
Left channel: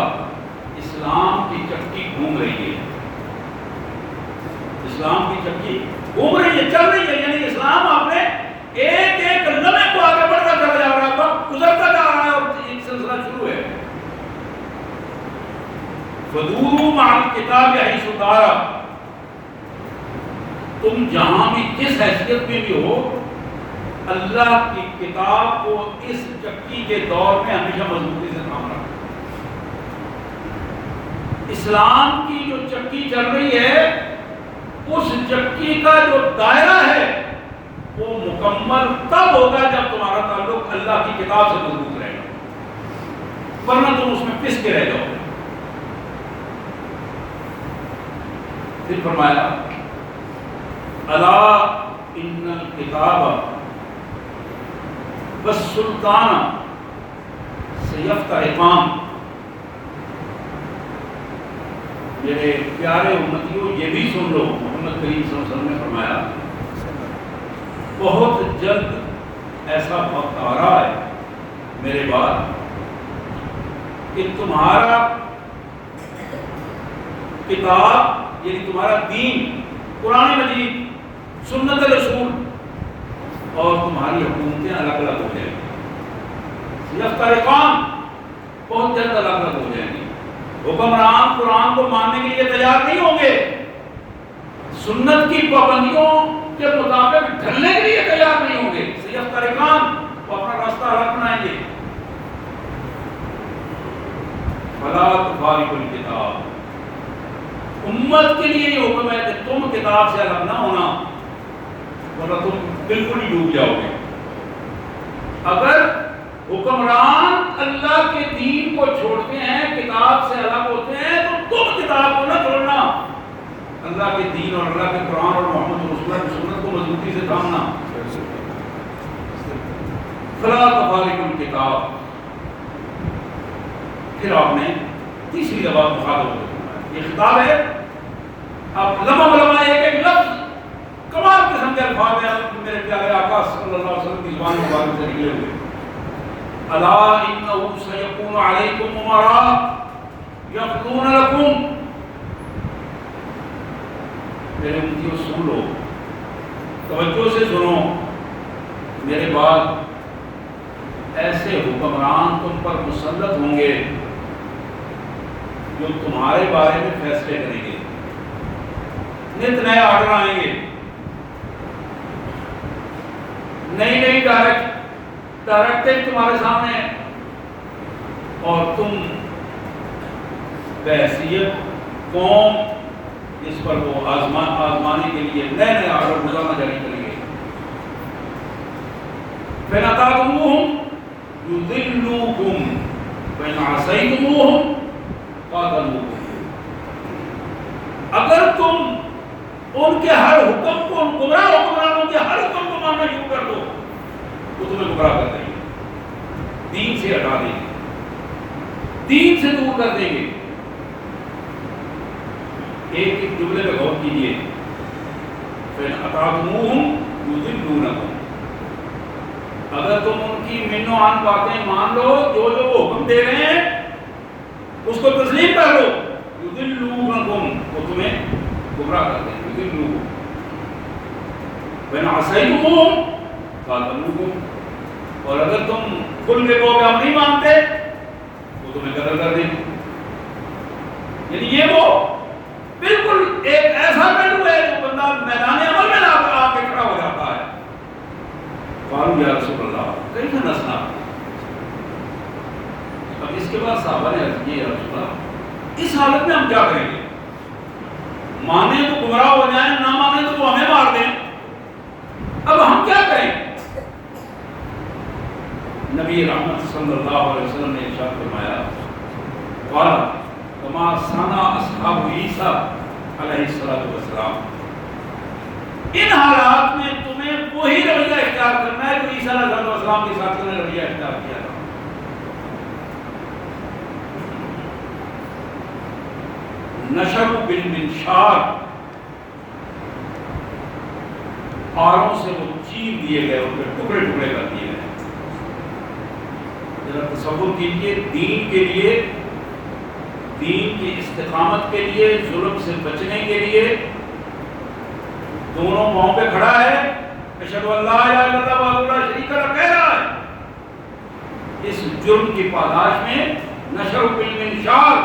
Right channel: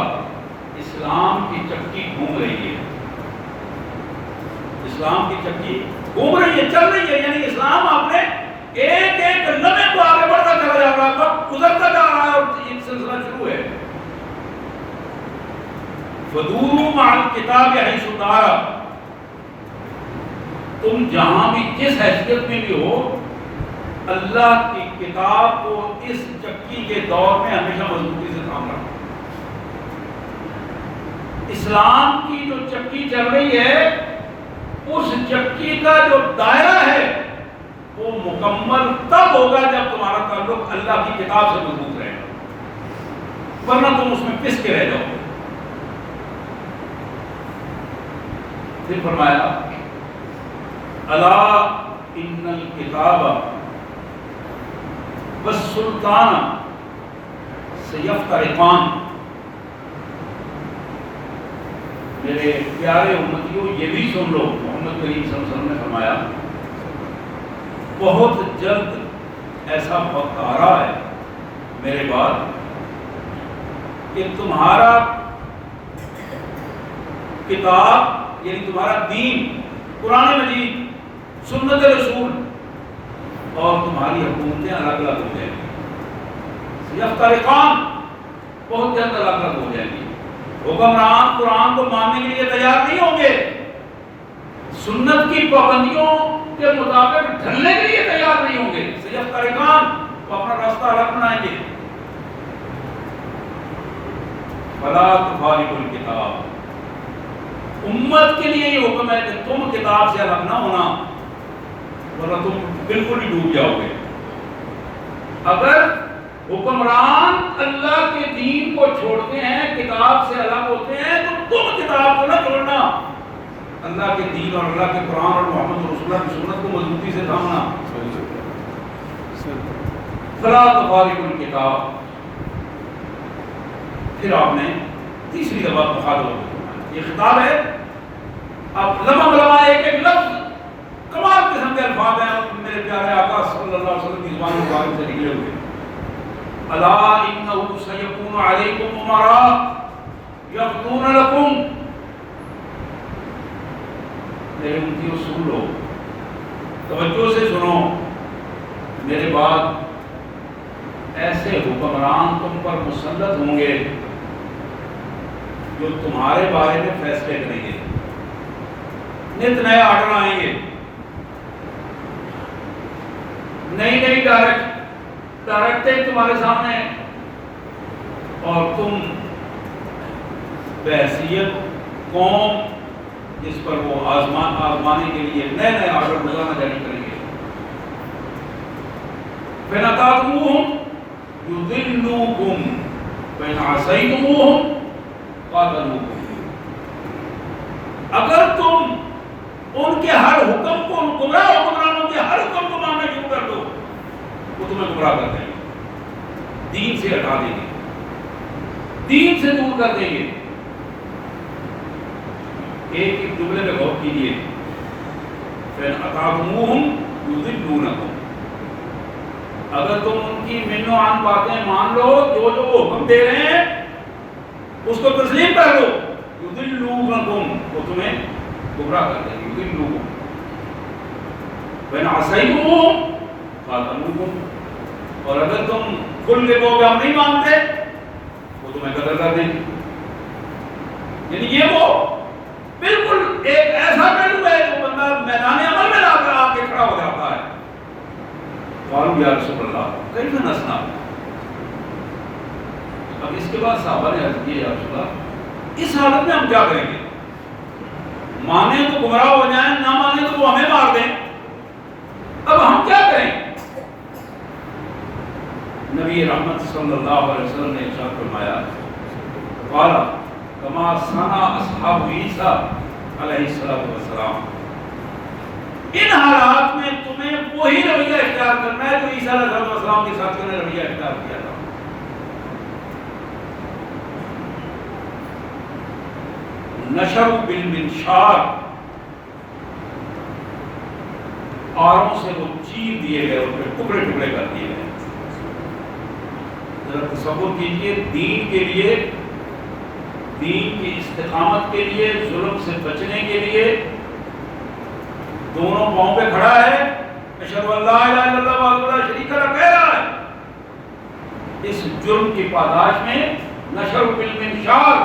اسلام کی چکی گھوم رہی ہے، اسلام کی چکی گھوم رہی ہے، چل رہی ہے. یعنی اسلام آپ نے ایک ایک لمحے کو آگے بڑھتا چلا جا رہا ہے، وقت گزرتا جا رہا ہے اور ایک سلسلہ شروع ہے. فدوروا مع الکتاب حیث دار، تم جہاں بھی جس حیثیت میں بھی ہو، اللہ کی کتاب کو اس چکی کے دور میں ہمیشہ مضبوطی سے تھام رکھو. اسلام کی جو چکی چل رہی ہے اس چکی کا جو دائرہ ہے وہ مکمل تب ہوگا جب تمہارا تعلق اللہ کی کتاب سے مضبوط رہے گا، ورنہ تم اس میں پس کے رہ جاؤ. پھر فرمایا الا ان الکتاب والسلطان سیفترقان. میرے پیارے امتیوں یہ بھی سن لو، محمد کریم صلی اللہ علیہ وسلم نے فرمایا بہت جلد ایسا وقت آ رہا ہے میرے بعد کہ تمہارا کتاب یعنی تمہارا دین، قرآن مجید، سنت رسول اور تمہاری حکومتیں الگ الگ ہو جائیں گی. یفترقان، بہت جلد الگ الگ ہو جائیں گی. حکمران قرآن کو ماننے کے لیے تیار نہیں ہوں گے، سنت کی پابندیوں کے مطابق ڈھلنے کے لیے تیار نہیں ہوں گے. یفترقان، وہ اپنا راستہ الگ بنائیں گے. فلا تفارقوا الکتاب، امت کے لیے یہ حکم ہے کہ تم کتاب سے الگ نہ ہونا ورنہ تم بالکل ہی ڈوب جاؤ گے. اگر حکمران اللہ کے دین کو چھوڑتے ہیں، کتاب سے الگ ہوتے ہیں، تو تم کتاب کو نہ چھوڑنا، اللہ کے دین اور اللہ کے قرآن اور محمد رسول اللہ کی سنت کو مضبوطی سے تھامنا. فلا تفارقوا الکتاب. پھر آپ نے تیسری دفعہ مخاطب ہوتے ہیں، یہ خطاب ہے. اب لمحہ ایک ایک لفظ کمال قسم کے الفاظ ہیں میرے پیارے آقا صلی اللہ علیہ وسلم کی زبان مبارک سے نکلے ہوئے. الا انه سيكون عليكم امراء يقضون لكم. میرے امتیوں سن لو، توجہ سے سنو، میرے بعد ایسے حکمران تم پر مسلط ہوں گے جو تمہارے بارے میں فیصلے کریں گے. نت نئے آرڈر آئیں گے، نئی نئی ڈائریکٹیں تمہارے سامنے ہیں، اور تم بحیثیت قوم جس پر وہ آزمانے کے لیے نئے نئے آرڈر روزانہ جاری کریں گے. فإن أطعتموهم يضلوكم وإن عصيتموهم قاتلوكم. اگر تم ان کے ہر حکم کو، گمراہ حکمرانوں کے ہر حکم کو ماننا شروع کر دو، وہ تمہیں گمراہ کر دیں گے، دین سے ہٹا دیں گے، دین سے دور کر دیں گے. ایک ایک جملے میں غور کیجیے. فَإِنْ أَطَعْتُمُوهُمْ يُضِلُّونَكُمْ. اگر تم ان کی من و عن باتیں مان لو، جو جو وہ حکم دے رہے ہیں اس کو تسلیم کر لو، يُضِلُّونَكُمْ، وہ تمہیں گمراہ کر دیں گے. يُضِلُّونَكُمْ وَإِنْ عَصَيْتُمُوهُمْ قَاتَلُوكُمْ. اور اگر تم کھل کے کہو کہ ہم نہیں مانتے، وہ تمہیں قتل کر دیں گے. یعنی یہ وہ بالکل ایک ایسا پہلو ہے جو بندہ میدان عمل میں لا کر آ کے کھڑا ہو جاتا ہے. قالوا یا رسول اللہ کیف نصنع. اب اس کے بعد صحابہ نے عرض کی، یا رسول اللہ اس حالت میں ہم کیا کریں گے؟ مانے تو گمراہ ہو جائیں، نہ مانے تو وہ ہمیں مار دیں، اب ہم کیا کریں؟ نبی رحمت صلی اللہ علیہ وسلم نے ارشاد فرمایا، قال کما صنع اصحاب عیسیٰ علیہ السلام. ان حالات میں تمہیں وہی رویہ اختیار کرنا ہے جو عیسیٰ علیہ السلام کے ساتھ انہوں نے رویہ اختیار کیا تھا. نشر بالمنشار، آروں سے وہ چیر دیے گئے، ان پہ ٹکڑے ٹکڑے کر دیے گئے. ذرا تصور کیجیے، دین کے لیے، دین کی استقامت کے لیے، ظلم سے بچنے کے لیے دونوں پاؤں پہ کھڑا ہے، اشہد ان لا الہ الا اللہ وحدہ لا شریک لہ کہہ رہا ہے. اس جرم کی پاداش میں نشر بالمنشار،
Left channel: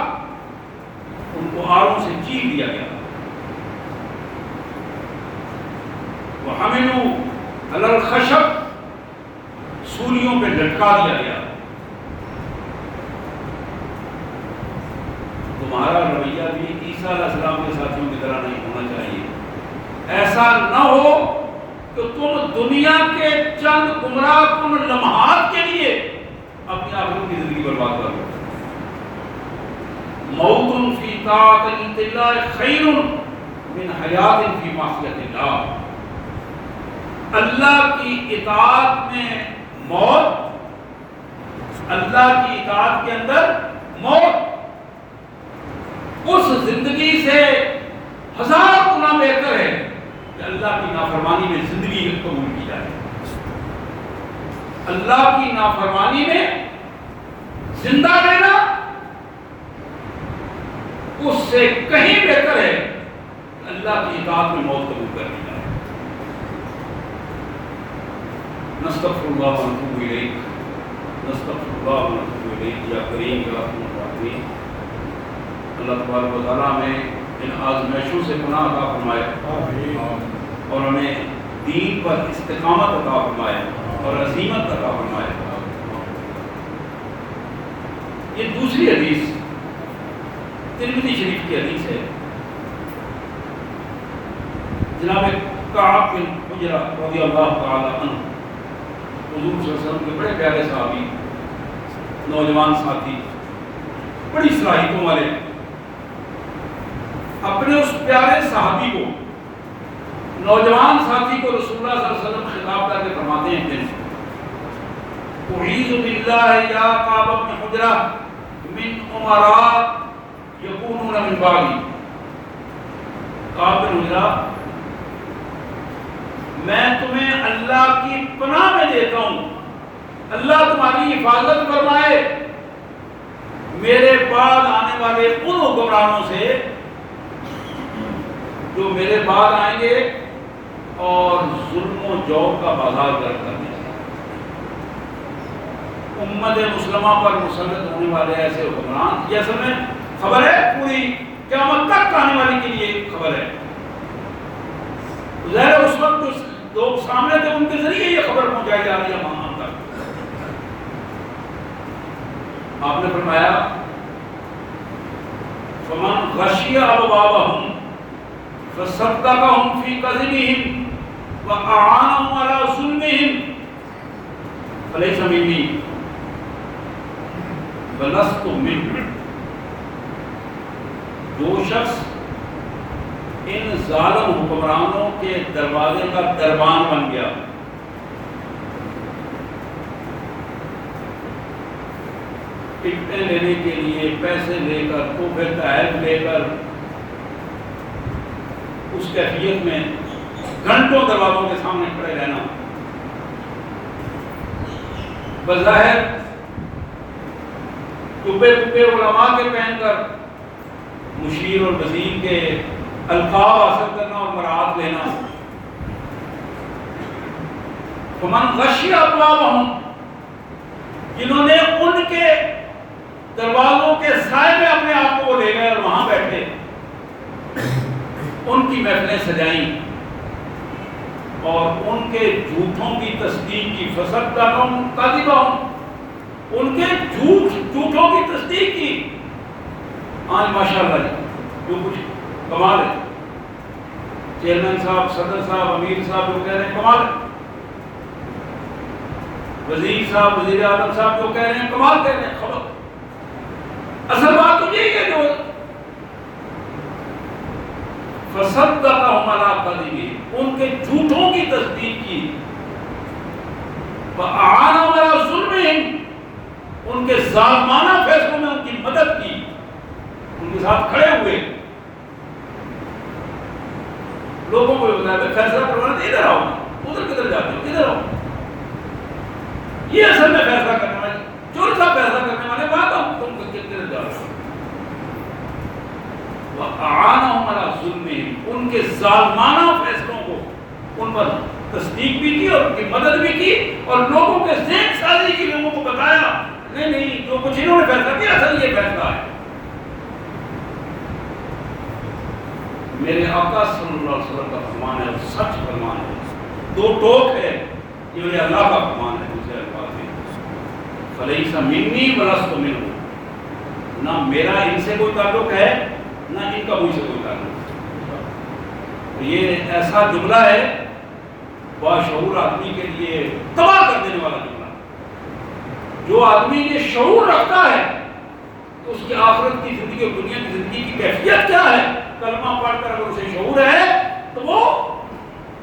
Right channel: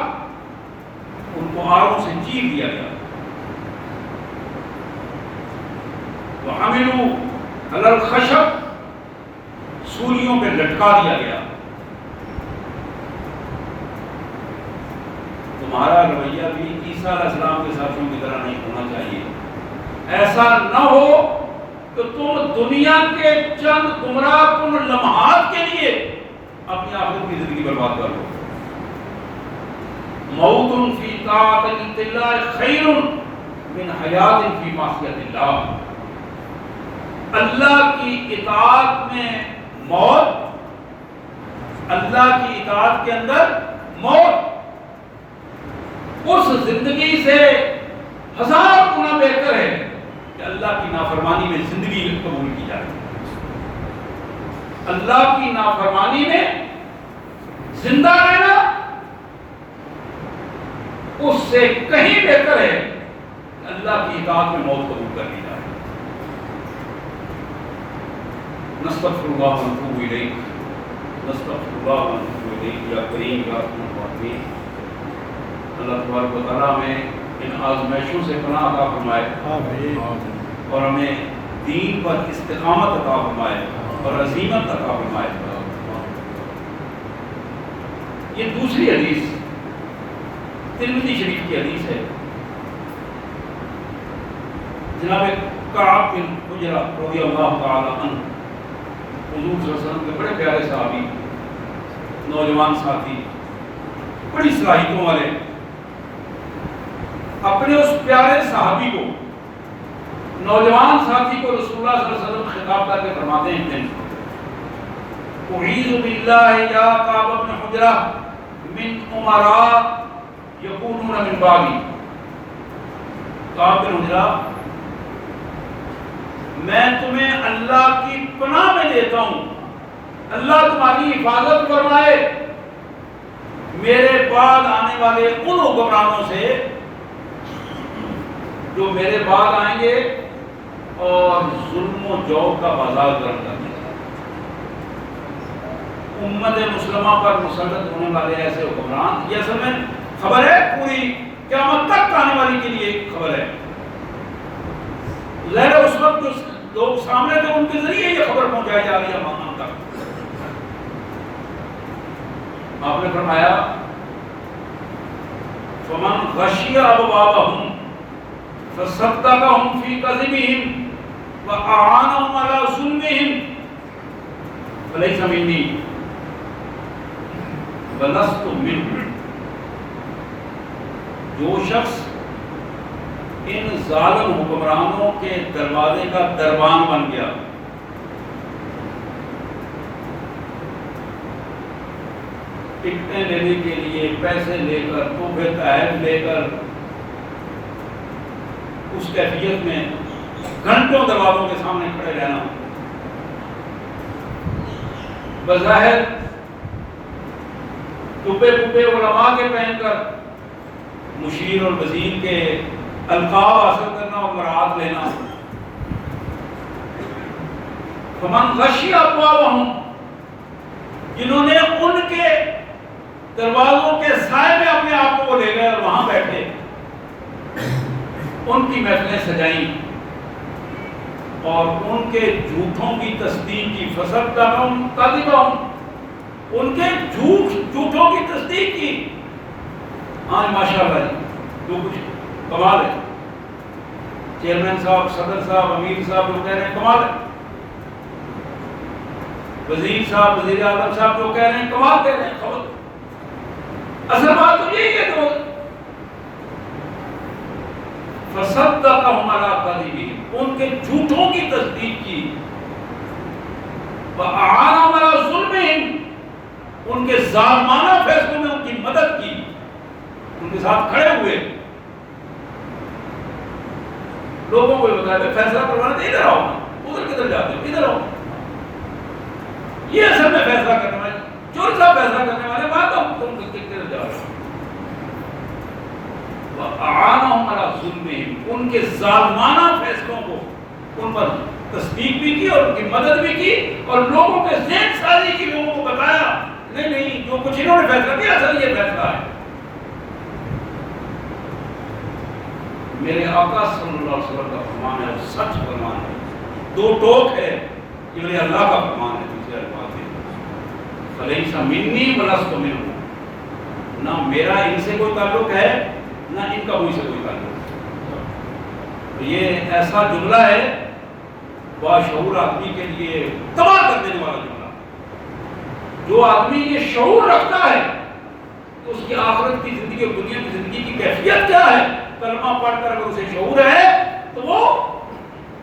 ان کو آروں سے چیر دیا گیا. وحملوا علی الخشب، سولیوں پہ لٹکا دیا گیا. تمہارا رویہ بھی عیسیٰ علیہ السلام کے ساتھیوں کی طرح نہیں ہونا چاہیے. ایسا نہ ہو کہ تم دنیا کے چند گمراہ کن لمحات کے لیے اپنی آخرت کی زندگی برباد کر لو. موت فی طاعت اللہ خیر من حیات فی معصیت اللہ. اللہ کی اطاعت میں موت، اللہ کی اطاعت کے اندر موت اس زندگی سے ہزار گنا بہتر ہے کہ اللہ کی نافرمانی میں زندگی قبول کی جائے. اللہ کی نافرمانی میں زندہ رہنا اس سے کہیں بہتر ہے کہ اللہ کی اطاعت میں موت قبول کر لی جائے. نستغفر اللہ و نتوب الیہ، نستغفر اللہ و نتوب الیہ. یا کریم یا رحیم الرحیم، اللہ تبارک و تعالیٰ میں ان آزمائشوں سے پناہ عطا فرمائے اور ہمیں دین پر استقامت عطا فرمائے اور عزیمت عطا فرمائے. یہ دوسری حدیث ترمذی شریف کی حدیث ہے. جناب کعب بن عجرہ رضی اللہ تعالی عنہ، حضور صلی اللہ علیہ وسلم کے بڑے پیارے صحابی، نوجوان ساتھی، بڑی صلاحیتوں والے، اپنے اس پیارے صحابی کو، نوجوان ساتھی کو رسول اللہ صلی اللہ علیہ وسلم خطاب کر کے فرماتے ہیں، دن اعوذ باللہ یا کعب بن عجرہ من امراء یکونون من بعدی. کعب بن عجرہ، میں تمہیں اللہ کی پناہ میں دیتا ہوں، اللہ تمہاری حفاظت فرمائے میرے بعد آنے والے ان حکمرانوں سے جو میرے بعد آئیں گے اور ظلم و جور کا بازار گرم کر دیں گے. امت مسلمہ پر مسلط ہونے والے ایسے حکمران، یہ اصل میں خبر ہے پوری قیامت تک آنے والی کے لیے خبر ہے. ظاہر ہے اس وقت جو لوگ سامنے تھے ان کے ذریعے یہ خبر پہنچائی جا رہی ہے ہم تک. آپ نے فرمایا فمن غشی ابوابہم فصدقہم فی کذبہم وأعانهم على ظلمهم فلیس منی ولست منہ، جو شخص ان ظالم حکمرانوں کے دروازے کا دربان بن گیا، ٹکٹیں لینے کے لیے پیسے لے کر، تحفے تحائف لے کر، اس کیفیت میں گھنٹوں دروازوں کے سامنے کھڑے رہنا، بظاہر ٹوپے ٹوپے علماء کے پہن کر مشیر اور وزیر کے القاب حاصل کرنا اور مراد لینا، فمن غشی ابوابہم، جنہوں نے ان کے دروازوں کے سائے میں اپنے آپ کو لے گئے اور وہاں بیٹھے ان کی محفلیں سجائیں اور ان کے جھوٹوں کی تصدیق کی، فصدقہم کذبہم، ان کے جھوٹوں کی تصدیق کی۔ آج ماشاءاللہ جو کچھ کمال ہے، چیئرمین صاحب، صدر صاحب، امیر صاحب جو کہہ رہے ہیں کمال ہے، وزیر صاحب، وزیر اعظم صاحب جو کہہ رہے ہیں کمال کہہ رہے ہیں، خبر اصل بات تو یہی ہے کہ فصدقہم علی کذبہم، ان کے جھوٹوں کی تصدیق کی، وأعانہم علی ظلمہم، ان کے ظالمانہ فیصلوں میں ان کی مدد کی، ان کے ساتھ کھڑے ہوئے، لوگوں کو بتایا فیصلہ کروانا تو ادھر آؤ، ادھر کدھر جاتے ہو، ادھر آؤ، یہ اصل میں فیصلہ کرنے والے چور صاحب فیصلہ کرنے والے بات ہو، تم کدھر جا رہے ہو۔ وأعانہم علی ظلمہم، ان کے ظالمانہ فیصلوں کو ان پر تصدیق بھی کی اور ان کی مدد بھی کی اور لوگوں کے ذہن سازی کی، لوگوں کو بتایا نہیں نہیں جو کچھ انہوں نے فیصلہ کیا اصل یہ فیصلہ ہے۔ میرے آقا صلی اللہ علیہ وسلم کا فرمان ہے اور سچ فرمان ہے، دو ٹوک ہے، یہ میرے اللہ کا فرمان ہے، دوسرے الفاظ ہے فلیس منی ولست منہ، نہ میرا ان سے کوئی تعلق ہے نہ ان کا مجھ سے کوئی تعلق ہے۔ یہ ایسا جملہ ہے باشعور آدمی کے لیے تباہ کر دینے والا جملہ، جو آدمی یہ شعور رکھتا ہے تو اس کی آخرت کی زندگی اور دنیا کی زندگی کی کیفیت کیا ہے، کلمہ پڑھ کر اگر اسے شعور ہے تو وہ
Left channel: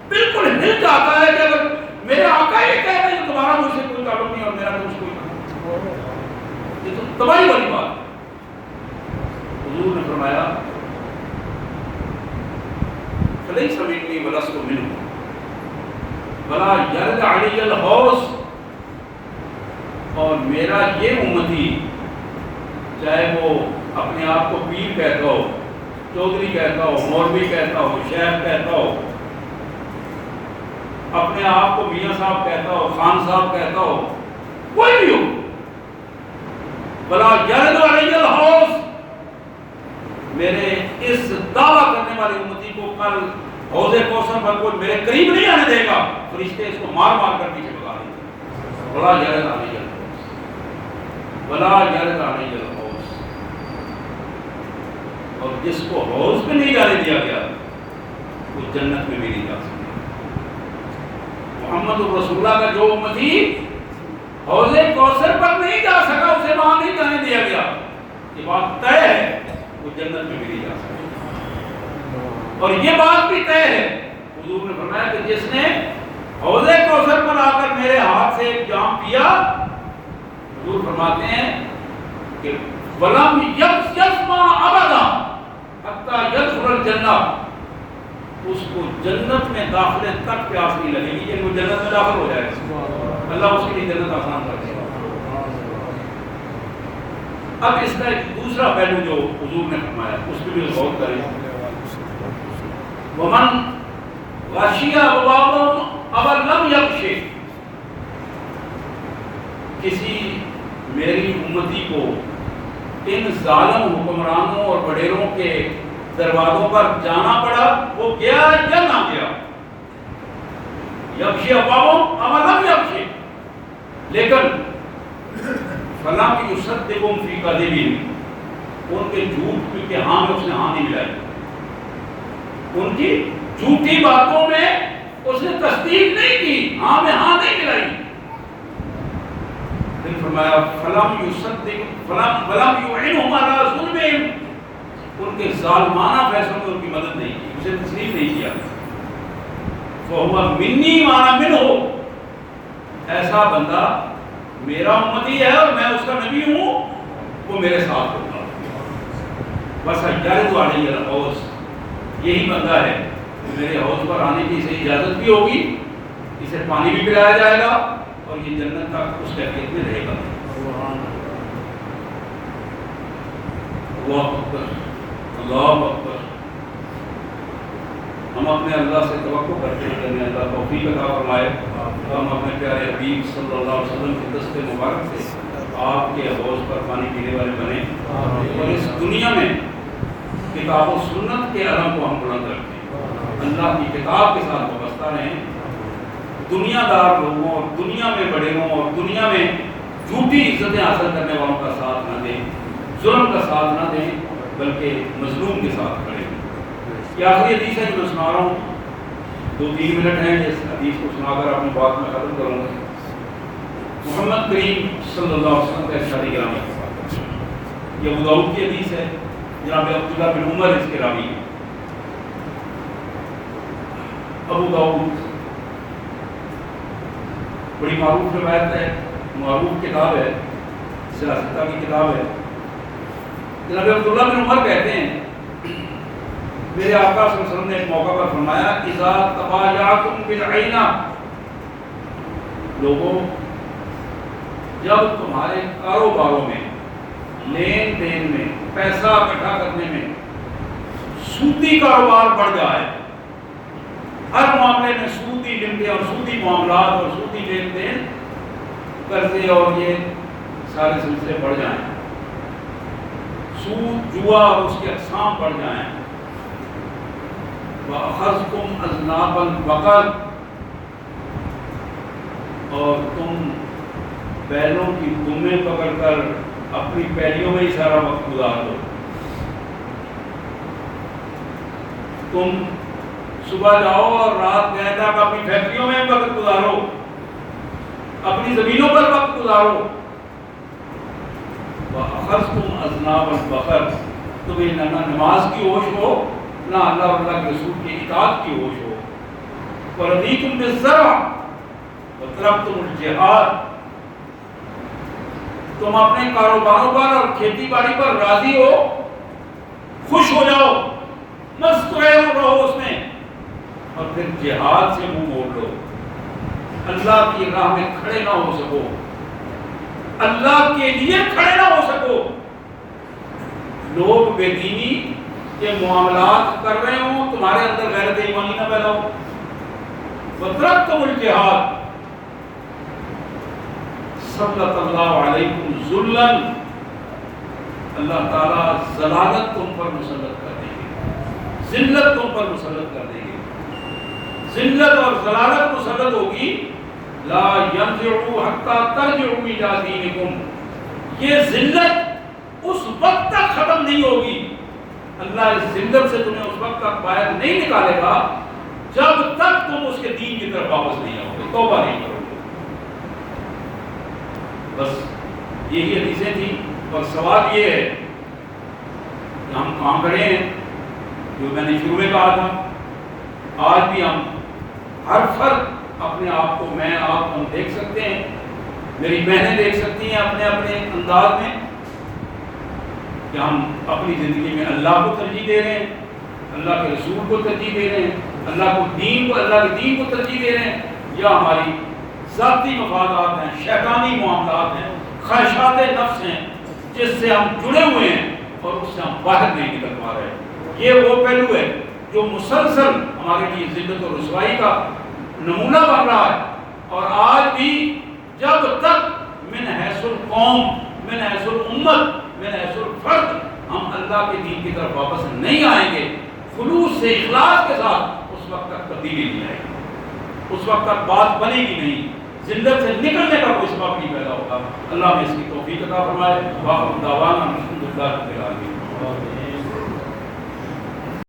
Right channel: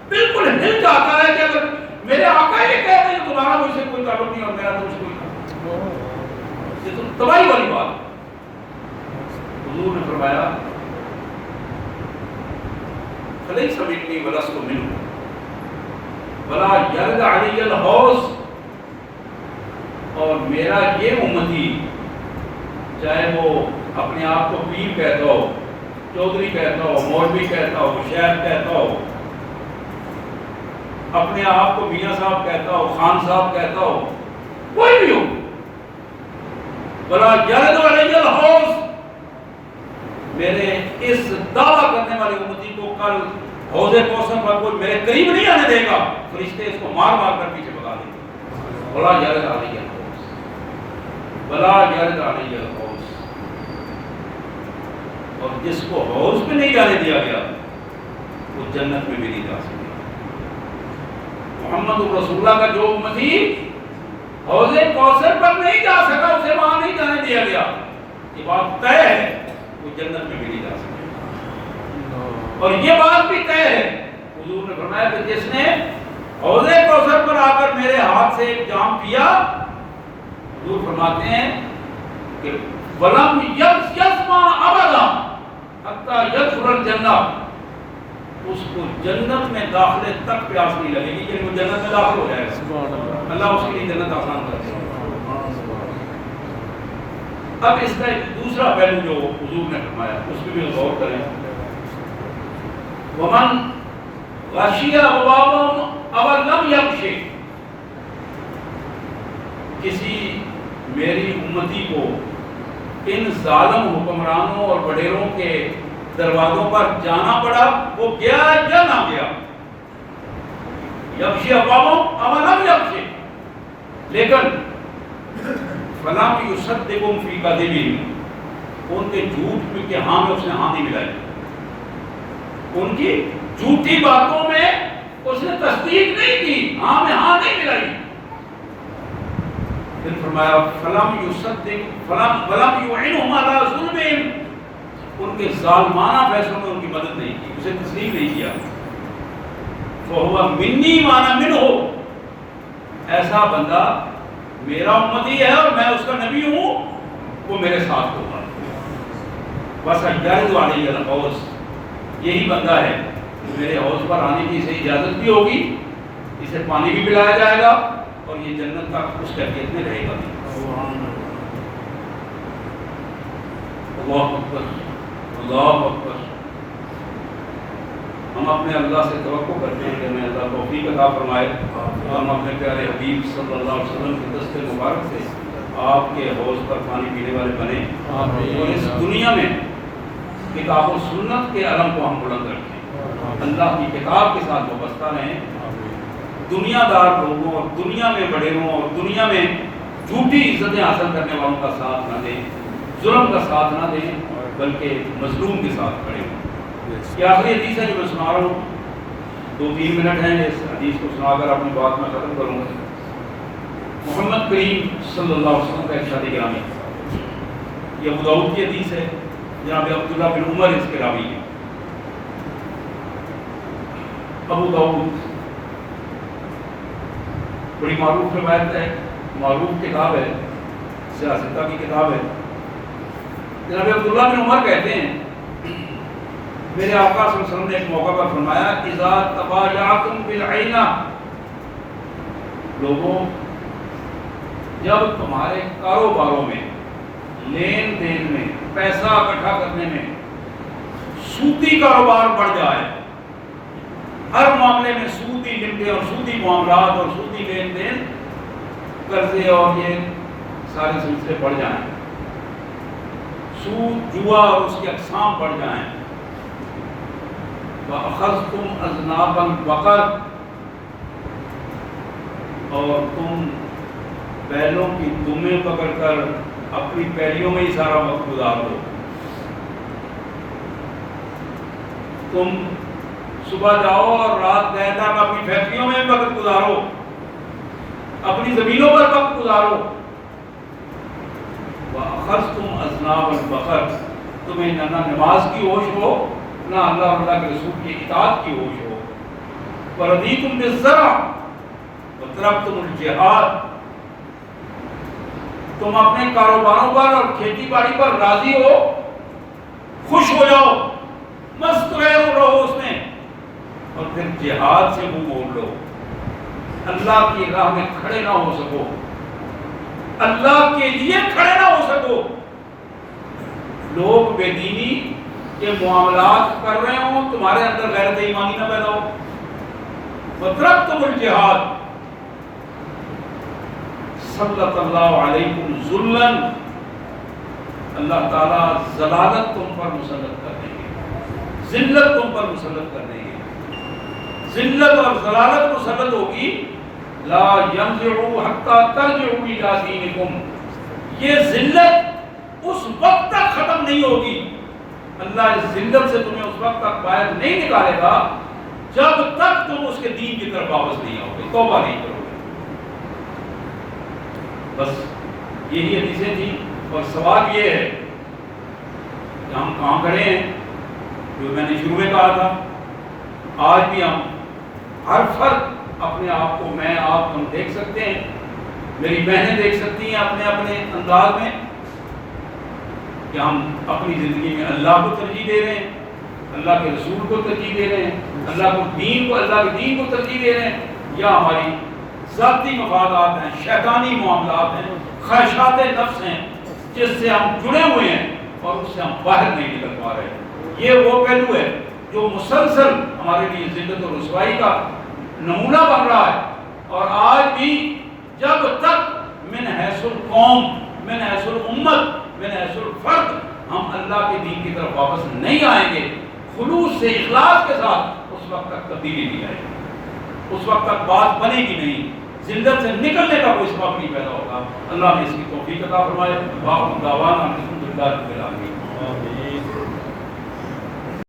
بالکل ہل جاتا ہے کہ اگر میرے آقا یہ کہتے ہیں کہ تمہارا مجھ سے کوئی تعلق نہیں اور میرا تم سے کوئی تعلق، یہ تو تباہی والی بات ہے۔ حضور نے فرمایا فلیس منی ولست منہ ولا یرد علی الحوض، اور میرا یہ امتی چاہے وہ اپنے آپ کو پیر کہتا ہو، چودھری کہتا ہو، مولوی کہتا ہو، شیخ کہتا ہو، اپنے آپ کو میاں صاحب کہتا ہو، خان صاحب کہتا ہو، کوئی بھی ہو، ولا یرد علی الحوض، میرے اس دعویٰ کرنے والے امتی کو کل حوض کوثر پر کوئی میرے قریب نہیں آنے دے گا، فرشتے اس کو مار مار کر پیچھے بھگا دیں گے۔ ولا یرد علی الحوض، ولا یرد علی الحوض، اور جس کو حوض میں نہیں جانے دیا گیا وہ جنت میں بھی نہیں جا سکتا۔ محمد رسول اللہ کا جو امتی حوض کوثر پر نہیں جا سکا، اسے وہاں نہیں جانے دیا گیا، یہ بات طے ہے، وہ جنت میں بھی نہیں جا سکتا۔ اور یہ بات بھی طے ہے، حضور نے فرمایا کہ جس نے حوض کوثر پر آ کر میرے ہاتھ سے ایک جام پیا، حضور فرماتے ہیں کہ وَلَمْ يَسْمَعْ أَبَدًا حَتَّى يَدْخُلَ الْجَنَّةَ، اس کو جنت میں داخلے تک پیاس نہیں لگے گی، کہ وہ جنت میں داخل ہو جائے گا، اللہ اس کے لیے جنت آسان کر دے گا۔ اب اس کا ایک دوسرا پہلو جو حضور نے فرمایا اس پہ بھی غور کریں، وَمَنْ غَشِيَ أَبْوَابَهُمْ أَوْ لَمْ يَغْشِ، کسی میری امتی کو ان ظالم حکمرانوں اور وڈیروں کے دروازوں پر جانا پڑا، وہ گیا یا نہ گیا، یغشی أبوابهم أو لم يغشِ، لیکن فَلَمْ يُصَدِّقْهُمْ فِي كَذِبِهِمْ، ان کے جھوٹ کے ہاں میں اس نے ہاں نہیں ملائی، ان کی جھوٹی باتوں میں اس نے تصدیق نہیں کی، ہاں میں ہاں نہیں ملائی، پھر فرمایا فلم یصدق ولم یعنہم علی ظلمہم، ان کے ظالمانہ فیصلوں میں ان کی مدد نہیں کی، اسے تسلیم نہیں کیا. فہو منی وانا منہ، ایسا بندہ میرا امتی ہے اور میں اس کا نبی ہوں، وہ میرے ساتھ ہوگا. بس یرد علی الحوض، یہی بندہ ہے میرے حوض پر آنے کی اسے اجازت بھی ہوگی، اسے پانی بھی پلایا جائے گا اور یہ جنت تک اس کیفیت میں رہے گا. اللہ اکبر اللہ اکبر. ہم اپنے اللہ سے توقع کرتے ہیں کہ ہمیں اللہ توفیق عطا فرمائے کہ ہم اپنے پیارے حبیب صلی اللہ علیہ وسلم کے دست مبارک سے آپ کے حوض پر پانی پینے والے بنے اور اس دنیا میں کتاب و سنت کے علم کو ہم بلند رکھیں، اللہ کی کتاب کے ساتھ وابستہ رہیں، دنیا دار لوگوں اور دنیا میں بڑےوں اور دنیا میں جھوٹی عزتیں حاصل کرنے والوں کا ساتھ نہ دیں، ظلم کا ساتھ نہ دیں، بلکہ مظلوم کے ساتھ کھڑے ہوں. یہ آخری حدیث ہے جو میں سنا رہا ہوں، 2-3 منٹ ہیں، اس حدیث کو سنا کر اپنی بات میں ختم کروں گا. محمد کریم صلی اللہ علیہ وسلم کا ارشاد گرامی، یہ ابو داؤد کی حدیث ہے، جناب عبداللہ بن عمر اس کے راوی ہیں. ابو داؤد بڑی معروف روایت ہے، معروف کتاب ہے، سیاستہ کی کتاب ہے. جناب عبداللہ بن عمر کہتے ہیں میرے آقا صلی اللہ علیہ وسلم نے ایک موقع پر فرمایا اذا تبایعتم بالعینہ، لوگوں جب تمہارے کاروباروں میں، لین دین میں، پیسہ اکٹھا کرنے میں سودی کاروبار بڑھ جائے، ہر معاملے میں سودی لمٹیں اور سودی معاملات اور سودی لین دین، قرضے اور یہ سارے سلسلے بڑھ جائیں، سود جوا اور اس کی اقسام بڑھ جائیں، وَأَخَذْتُمْ أَذْنَابَ الْبَقَرِ، اور تم بیلوں کی دمیں پکڑ کر اپنی پیلیوں میں ہی سارا وقت گزار دو، تم صبح جاؤ اور رات گئے تک اپنی فیکٹریوں میں وقت گزارو، اپنی زمینوں پر وقت گزارو. وَأَخَذْتُمْ أَذْنَابَ الْبَقَرِ، تمہیں نہ نماز کی ہوش ہو، نہ اللہ اور اللہ کے رسول کی اطاعت کی ہوش ہو. وَرَضِيتُمْ بِالزَّرْعِ وَتَرَكْتُمُ الْجِهَادَ، تم اپنے کاروباروں پر اور کھیتی باڑی پر راضی ہو، خوش ہو جاؤ، مستقل رہو اس میں، اور پھر جہاد سے منہ موڑ لو، اللہ کی راہ میں کھڑے نہ ہو سکو، اللہ کے لیے کھڑے نہ ہو سکو. لوگ بے دینی کے معاملات کر رہے ہوں، تمہارے اندر غیرت ایمانی نہ پیدا ہو. وَتَرَكْتُمُ الْجِهَادَ سَلَّطَ اللَّهُ عَلَيْكُمْ ذُلًّا، اللہ تعالیٰ ذلالت تم پر مسلط کر دیں گے، ذلت تم پر مسلط کر دیں گے. ذلت اور ذلالت مسلط ہوگی. لا ينزعوا حتى ترجعوا إلى دينكم، یہ ذلت اس وقت تک ختم نہیں ہوگی، اللہ اس ذلت سے تمہیں اس وقت تک باہر نہیں نکالے گا جب تک تم اس کے دین کی طرف واپس نہیں آؤ گے، توبہ نہیں کرو گے. بس یہی حدیثیں تھیں. اور سوال یہ ہے کہ ہم کام کریں ہیں جو میں نے شروع میں کہا تھا. آج بھی ہم ہر فرد اپنے آپ کو، میں آپ ہم دیکھ سکتے ہیں، میری بہنیں دیکھ سکتی ہیں اپنے اپنے انداز میں کہ ہم اپنی زندگی میں اللہ کو ترجیح دے رہے ہیں، اللہ کے رسول کو ترجیح دے رہے ہیں، اللہ کے دین کو ترجیح دے رہے ہیں، یا ہماری ذاتی مفادات ہیں، شیطانی معاملات ہیں، خواہشات نفس ہیں جس سے ہم جڑے ہوئے ہیں اور اس سے ہم باہر نہیں نکل پا رہے. یہ وہ پہلو ہے جو مسلسل ہمارے لیے ذلت اور رسوائی کا نمونہ بن رہا ہے. اور آج بھی جب تک من حیث القوم، من حیث الامت، من حیث الفرد ہم اللہ کے دین کی طرف واپس نہیں آئیں گے خلوص سے، اخلاص کے ساتھ، اس وقت تک تبدیلی نہیں آئے گی، اس وقت تک بات بنے گی نہیں، ذلت سے نکلنے کا کوئی سبب نہیں پیدا ہوگا. اللہ نے اس کی توفیق عطا فرمائے. واخر دعوانا الحمدللہ رب العالمین.